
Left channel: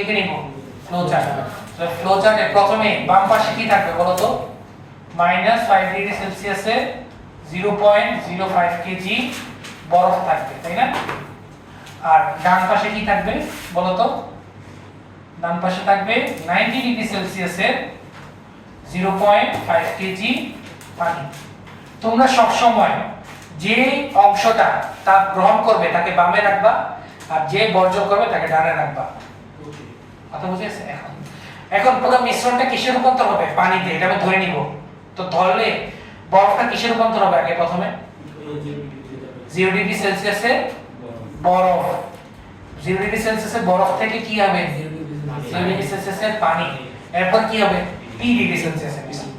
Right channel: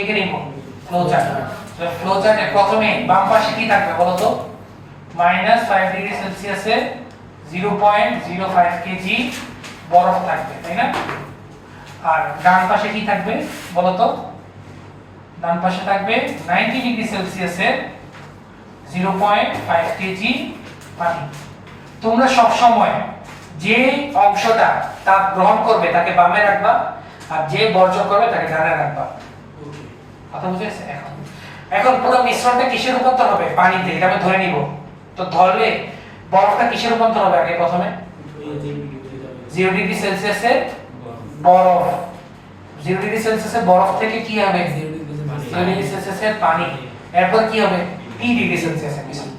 এঁকে নিব ফ্লো চার্ট। ফ্লো চার্টে প্রথমে বাম পাশে কি থাকবে বলো তো? -5 ডিগ্রি সেলসিয়াসে 0.05 কেজি বরফ থাকবে, তাই না? আর ডান পাশে কি থাকবে বলো তো? ডান পাশে থাকবে 90 ডিগ্রি সেলসিয়াসে 0.5 কেজি পানি। তোমরা সব সময় যে অংশটা তাপ গ্রহণ করবে তাকে বামে রাখবা, আর যে বর্জন করবে তাকে ডানে রাখবা। কথা বুঝে গেছে? এখন পুরো মিশ্রণটা কিসে রূপান্তর হবে? পানিতে। এটা আমি ধরে নিব। তো ধরলে বরফটা কিসে রূপান্তর হবে? আগে প্রথমে 0 ডিগ্রি সেলসিয়াসে বরফ, 0 ডিগ্রি সেলসিয়াসে বরফ থেকে কি হবে? 0 ডিগ্রি সেলসিয়াসে পানি। এরপর কি হবে? P ডিগ্রি সেলসিয়াসে মিশ্রণ।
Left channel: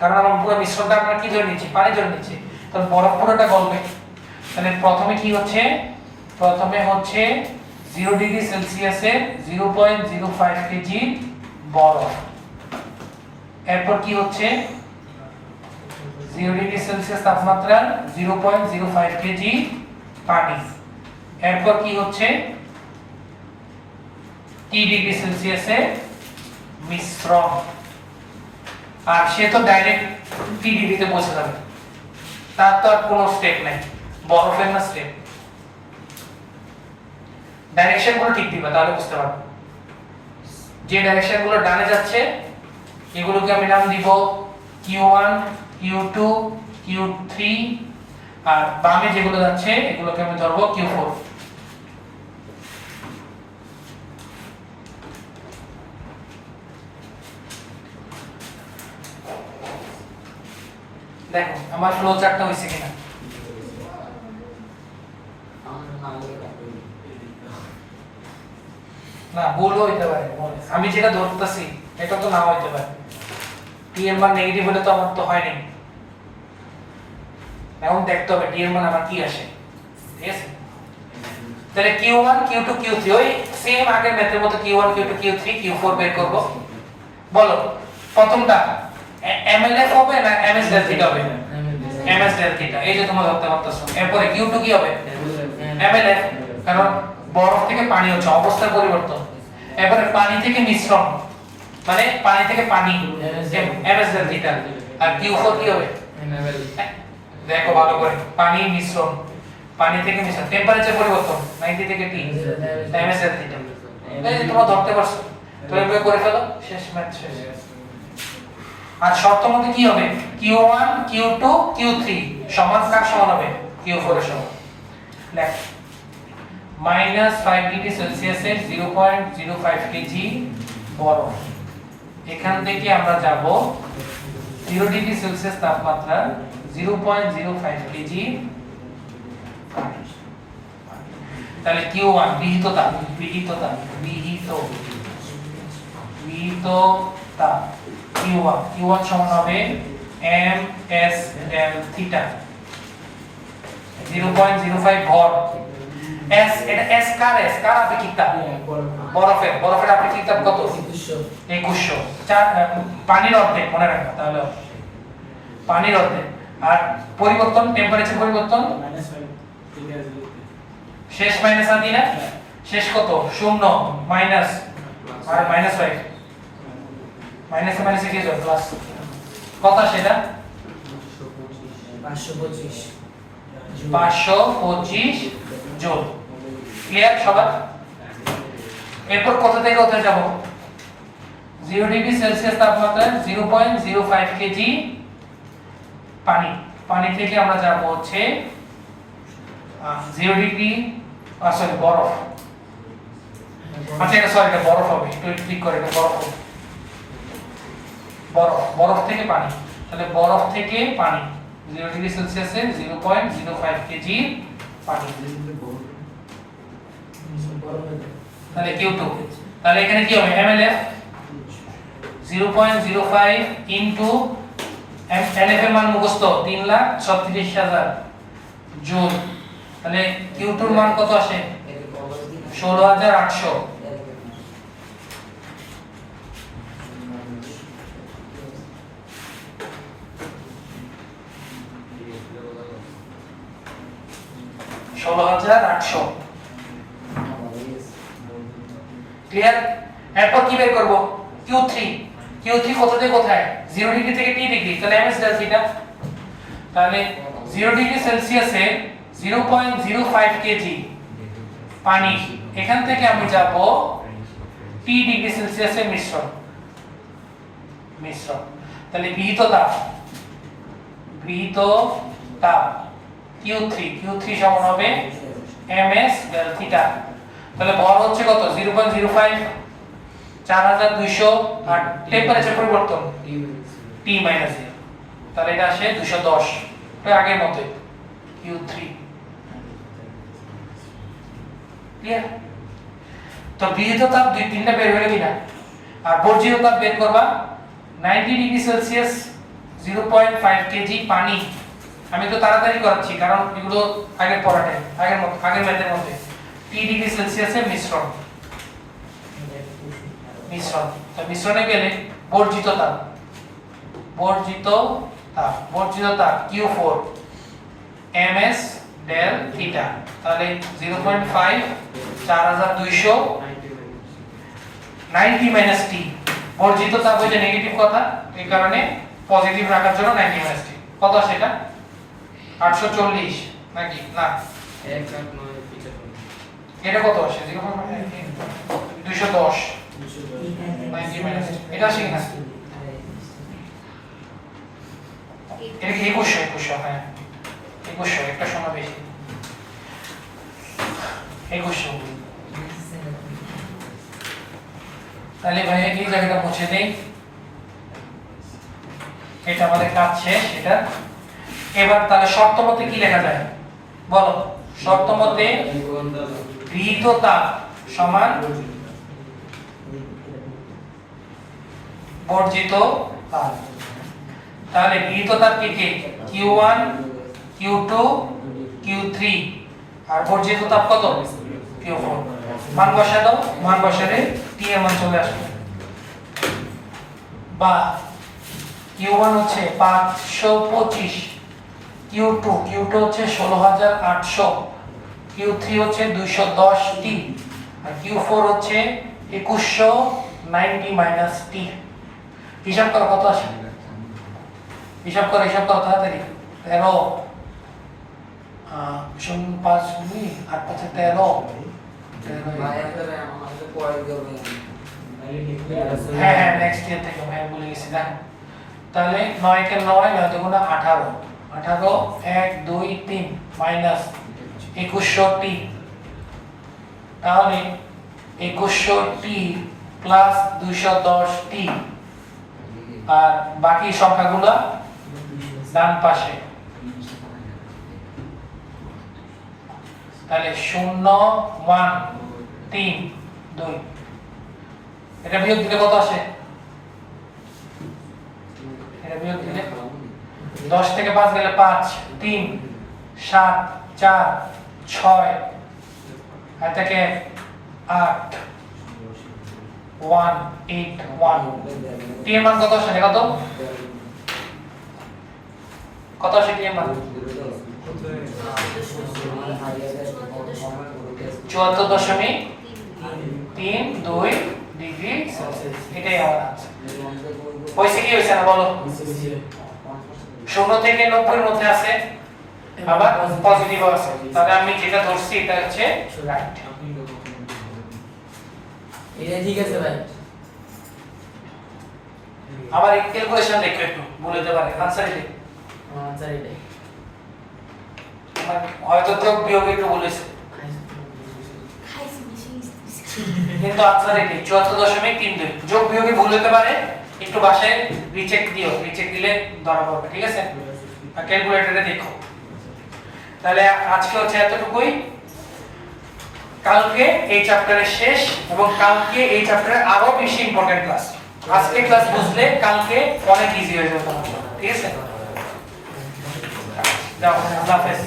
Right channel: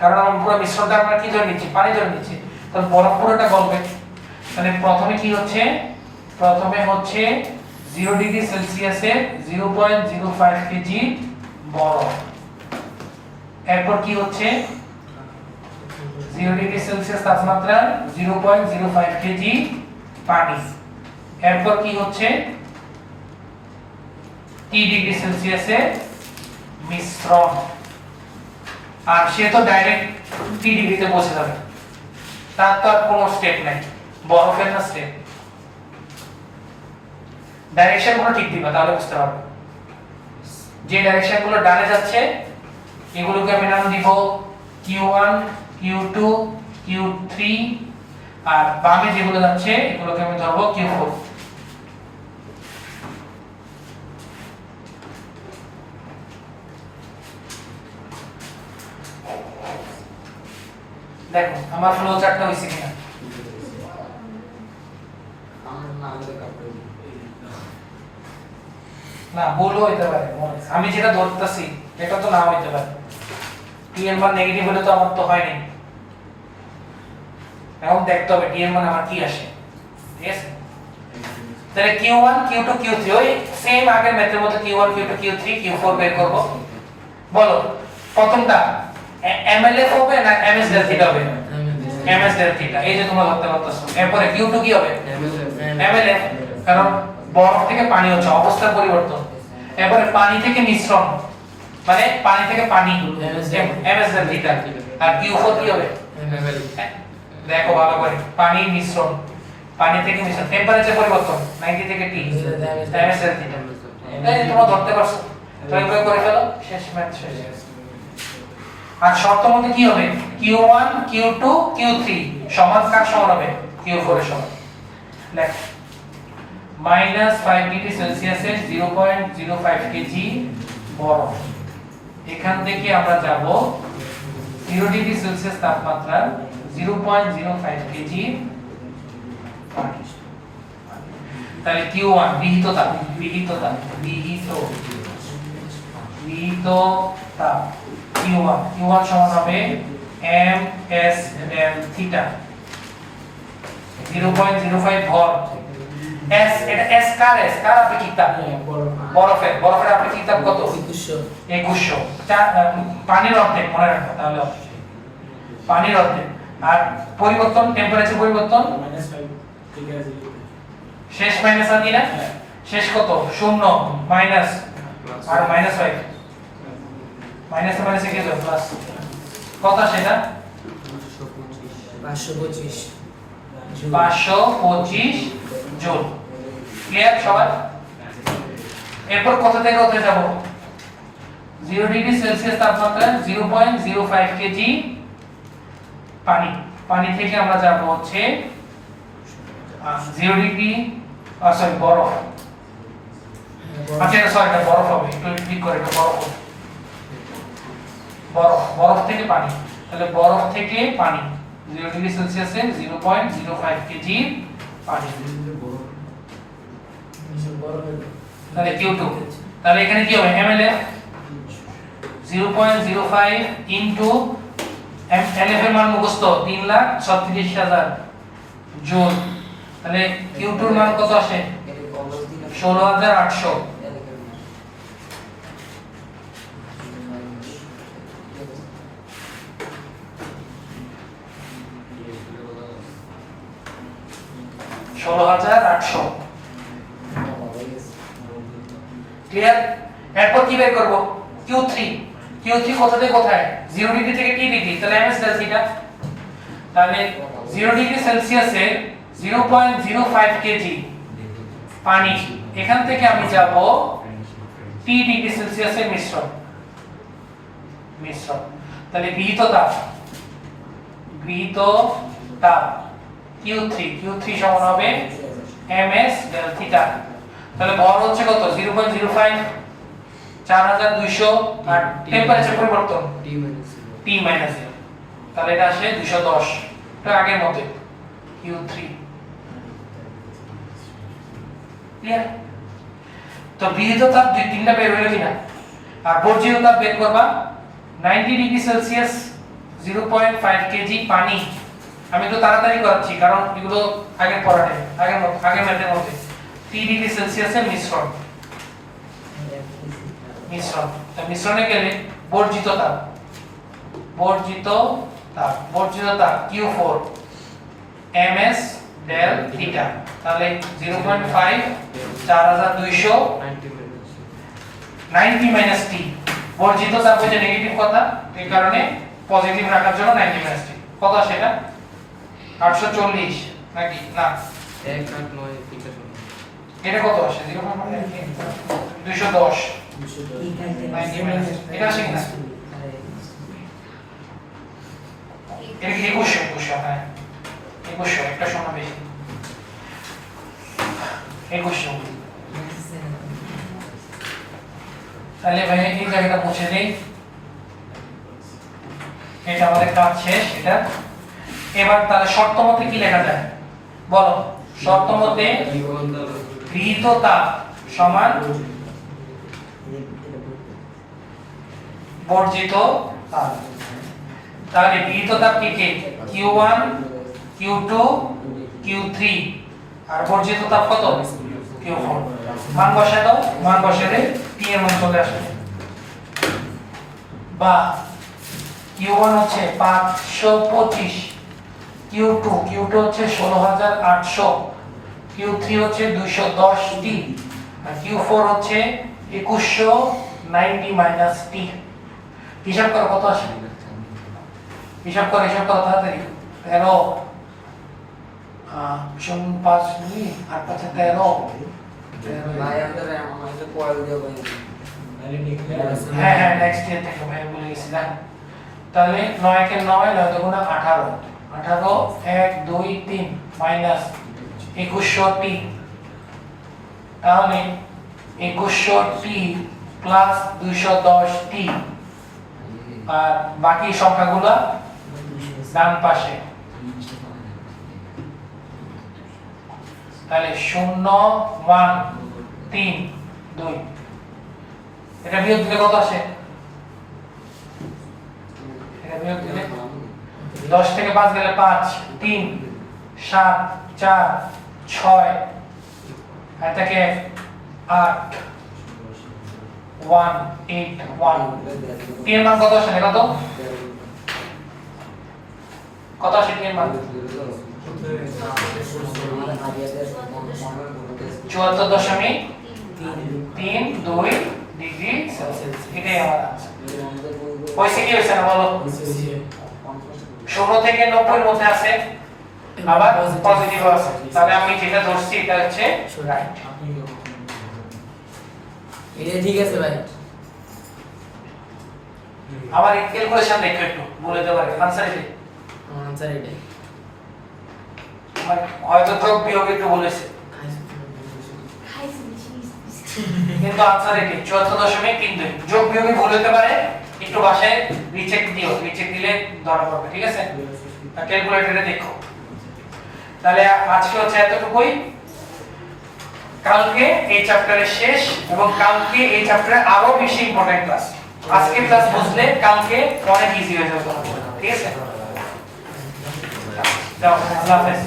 কারণ আমরা পুরো মিশ্রণটা আমরা কি ধরে নিচ্ছি? পানি ধরে নিচ্ছি। তাহলে বরফ পুরোটা গলবে। তাহলে প্রথমে কি হচ্ছে? প্রথমে হচ্ছে 0 ডিগ্রি সেলসিয়াসে 0.05 কেজি বরফ। এরপর কি হচ্ছে? 0 ডিগ্রি সেলসিয়াস তাপমাত্রা 0.05 কেজি পানি। এরপর কি হচ্ছে? T ডিগ্রি সেলসিয়াসে মিশ্রণ। আর সে তো ডাইরেক্ট T ডিগ্রিতে পৌঁছে যাবে, তার তো আর কোনো স্টেপ নাই, বরফের না স্টেপ। ডাইরেকশন গুলো ঠিক দিবা, তাহলে বুঝতে পারবে। যে ডাইরেকশন গুলো ডানে যাচ্ছে এগুলোকে আমি নাম দিব Q1, Q2, Q3, আর বামে যেগুলো যাচ্ছে এগুলোকে আমি ধরবো Q4। দেখো আমার ফ্লো চার্টটা হইছে কিনা? না ভুলও হইতে পারে, আমি যেটা ধরতেছি এটা তো নাও হইতে পারে। টি এর মান নেগেটিভ হলে তো আমার তো হয়নি। এখন দেখতে হবে টি এর মান আমার কি আসে, ঠিক আছে? তাহলে Q1, Q2, Q3 ওই সেম আগের ম্যাথের মতো Q1, Q2, Q3, Q4 বের করব। বলো প্রথমটা MLF হবে না MS del theta হবে? MS del theta। এই যে তোমরা ধরতে পারতেছো। এরপরে Q2 কি হবে? MLF, কারণ বরফ থেকে পানি হচ্ছে, অবস্থার পরিবর্তন। এরপরে পানি থেকে মিশ্রণ, মানে পানি থেকে পানি, MS del theta। আর Q4 কি হবে? দেখো ভালো করে, পানি মিশ্রণ, পানি থেকে মিশ্রণ, টেম্পারেচার পরিবর্তন 90 থেকে T, MS del theta। এই তোমরা ধরতে পারছো, প্রয়োগ করে ফেলো, শেষ ম্যাথ শেষ। আর শর্ত মতে কি হবে? Q1, Q2, Q3 সমান কার সমান হবে? Q4 এর সমান। লেখ -5 ডিগ্রি সেলসিয়াসে 0.05 কেজি বরফ। এখান থেকে আমরা যাব 0 ডিগ্রি সেলসিয়াস তাপমাত্রা 0.05 কেজি পানি। তাহলে Q1 বিহিত তাপ, Q1 সমান হবে ms del theta 0.05 ভর। s এটা s কার আপেক্ষিক তাপ? বরফের আপেক্ষিক তাপ কত? 2100। পানির অর্ধেক মনে রাখো, তাহলে পানির অর্ধেক। আর পরিবর্তন টেম্পারেচার পরিবর্তন -5 থেকে 0 শেষ মাইনাস আদি না শেষ কত 0 মাইনাস আর -5 মাইনাস মাইনাসে কি যায় প্লাস কত সেটা 525 525 জুল ক্লিয়ার সবার এরপর কত থেকে কোথায় যাব 0 ডিগ্রি সেলসিয়াস তাপমাত্রা 0.05 কেজি পানি পানি থেকে আমরা যাব হচ্ছে 0 ডিগ্রি সরি বরফ আচ্ছা সরি এটা বরফ হবে একটু ক্লিক করে এটা বরফ হবে বরফ বরফ থেকে পানি তাহলে বরফ থেকে পানি 0 ডিগ্রি সেলসিয়াসে 0.05 কেজি পানি তাহলে Q2 তাহলে এখানে কি হবে ml 0.05 ইনটু LF এর মান মুখস্থ 3,36,000 জুল তাহলে Q2 এর মান কত আসে 16,800 16,800 ক্লিয়ার এরপর কি বের করব Q3 কোথা থেকে কোথায় 0 ডিগ্রি থেকে T ডিগ্রি তাহলে ms দেওয়া এটা তাহলে 0 ডিগ্রি সেলসিয়াসে 0.05 কেজি পানি এখান থেকে আমি যাব T ডিগ্রি সেলসিয়াসের মিশ্রণ তাহলে গৃহীত তাপ Q3 সমান হবে ms del থিটা তাহলে ভর হচ্ছে কত 0.05 4200 আর টেম্পারেচার পরিবর্তন T মাইনাস 0 তাহলে এটা আসে 210 এটা আগের মতো Q3 ক্লিয়ার তো গৃহীত তাপ দুই তিনটা বের হলো কিনা আর বর্জ্য তাপ বের করবা 90 ডিগ্রি সেলসিয়াস 0.5 কেজি পানি আমি তো তাড়াতাড়ি করছি কারণ এগুলো আগের পড়াতে আগের ম্যাথের মধ্যে 3 ডিগ্রি সেলসিয়াসের মিশ্রণ তো মিশ্রণে গেলে বর্জিত তাপ Q4 ms del থিটা তাহলে 0.5 4200 90 মাইনাস t বর্জিত তাপ হইলে নেগেটিভ কথা এই কারণে পজিটিভ রাখার জন্য 90 মাইনাস t কত সেটা 840 নাকি না এটা কত আসে 210 90 মাইনাস এটা আসে কিনা এটা কি 21 হ্যাঁ 21 একটা সময় বেশি 21 তাহলে ভাই এই জায়গাটা মুছে দেই এটা আমাদের কাজ শেষ এটা এবার তাহলে শর্ত মতে কি লেখা যায় বলো শর্ত মতে গৃহীত তাপ সমান বর্জিত তাপ তাহলে গৃহীত তাপ কি Q1 Q2 Q3 আর বর্জিত তাপ কত Q4 মান বসায় দাও মান বসালে T এর মান চলে আসবে বা Q1 হচ্ছে 525 Q2 হচ্ছে 16,800 Q3 হচ্ছে 210 T আর Q4 হচ্ছে 2190 মাইনাস T হিসাব করো কত আসে হিসাব করো তাড়াতাড়ি 13 5 মিনিট 8 5 13 ভাই আমাদের পড়া দিতে হবে হ্যাঁ নেক্সট ইয়ার থেকে ভাই বলে গেছি না তাহলে 9 কে 9 9 দুগুণা 18 1 2 3 মাইনাস 2100 টি তাহলে 2100 টি প্লাস 210 টি আর বাকি সংখ্যাগুলো ডান পাশে তাহলে 0 1 3 2 এটা বিয়োগ দিলে কত আসে এটা বিয়োগ দিলে 10 থেকে 5 গেলে 5 3 7 4 6 এটাকে 8 1 8 1 টি এর মান কত আসে দেখো তো কত আসে টি এর মান? 74.32 ডিগ্রি সেলসিয়াস। এটাই আমার आंसर। পয়সা কি হইছে না বলো? 0 থেকে 90 এর মধ্যে আছে, আবার পজিটিভ আছে, তাহলে আমি যেটা ধরছি এটা হচ্ছে রাইট। এটা ঠিক আছে ভাই। আবার ক্যালকুলেশন দেখো একটু বলে দিতে পারে आंसर এটা। আনসার এটাই। হয়তো যোগ বিয়োগ একটু বলেছে, কিন্তু आंसर এটা 74.32। যোগ বিয়োগে ভুল হতে পারে, একটু বাসায় রিচেক দিও, রিচেক দিলে ধরা পড়বে, ঠিক আছে? ক্যালকুলেটরে দেখো। তাহলে আজকে হচ্ছে এতটুকুই। কালকে এই চ্যাপ্টারের শেষ, এবং কালকে এই চ্যাপ্টারে আরো বেশি ইম্পর্টেন্ট ক্লাস। আজকে ক্লাস বুঝলে কালকে অনেক ইজি হয়ে যাবে তোমার জন্য, ঠিক আছে? যাও, আল্লাহ হাফেজ।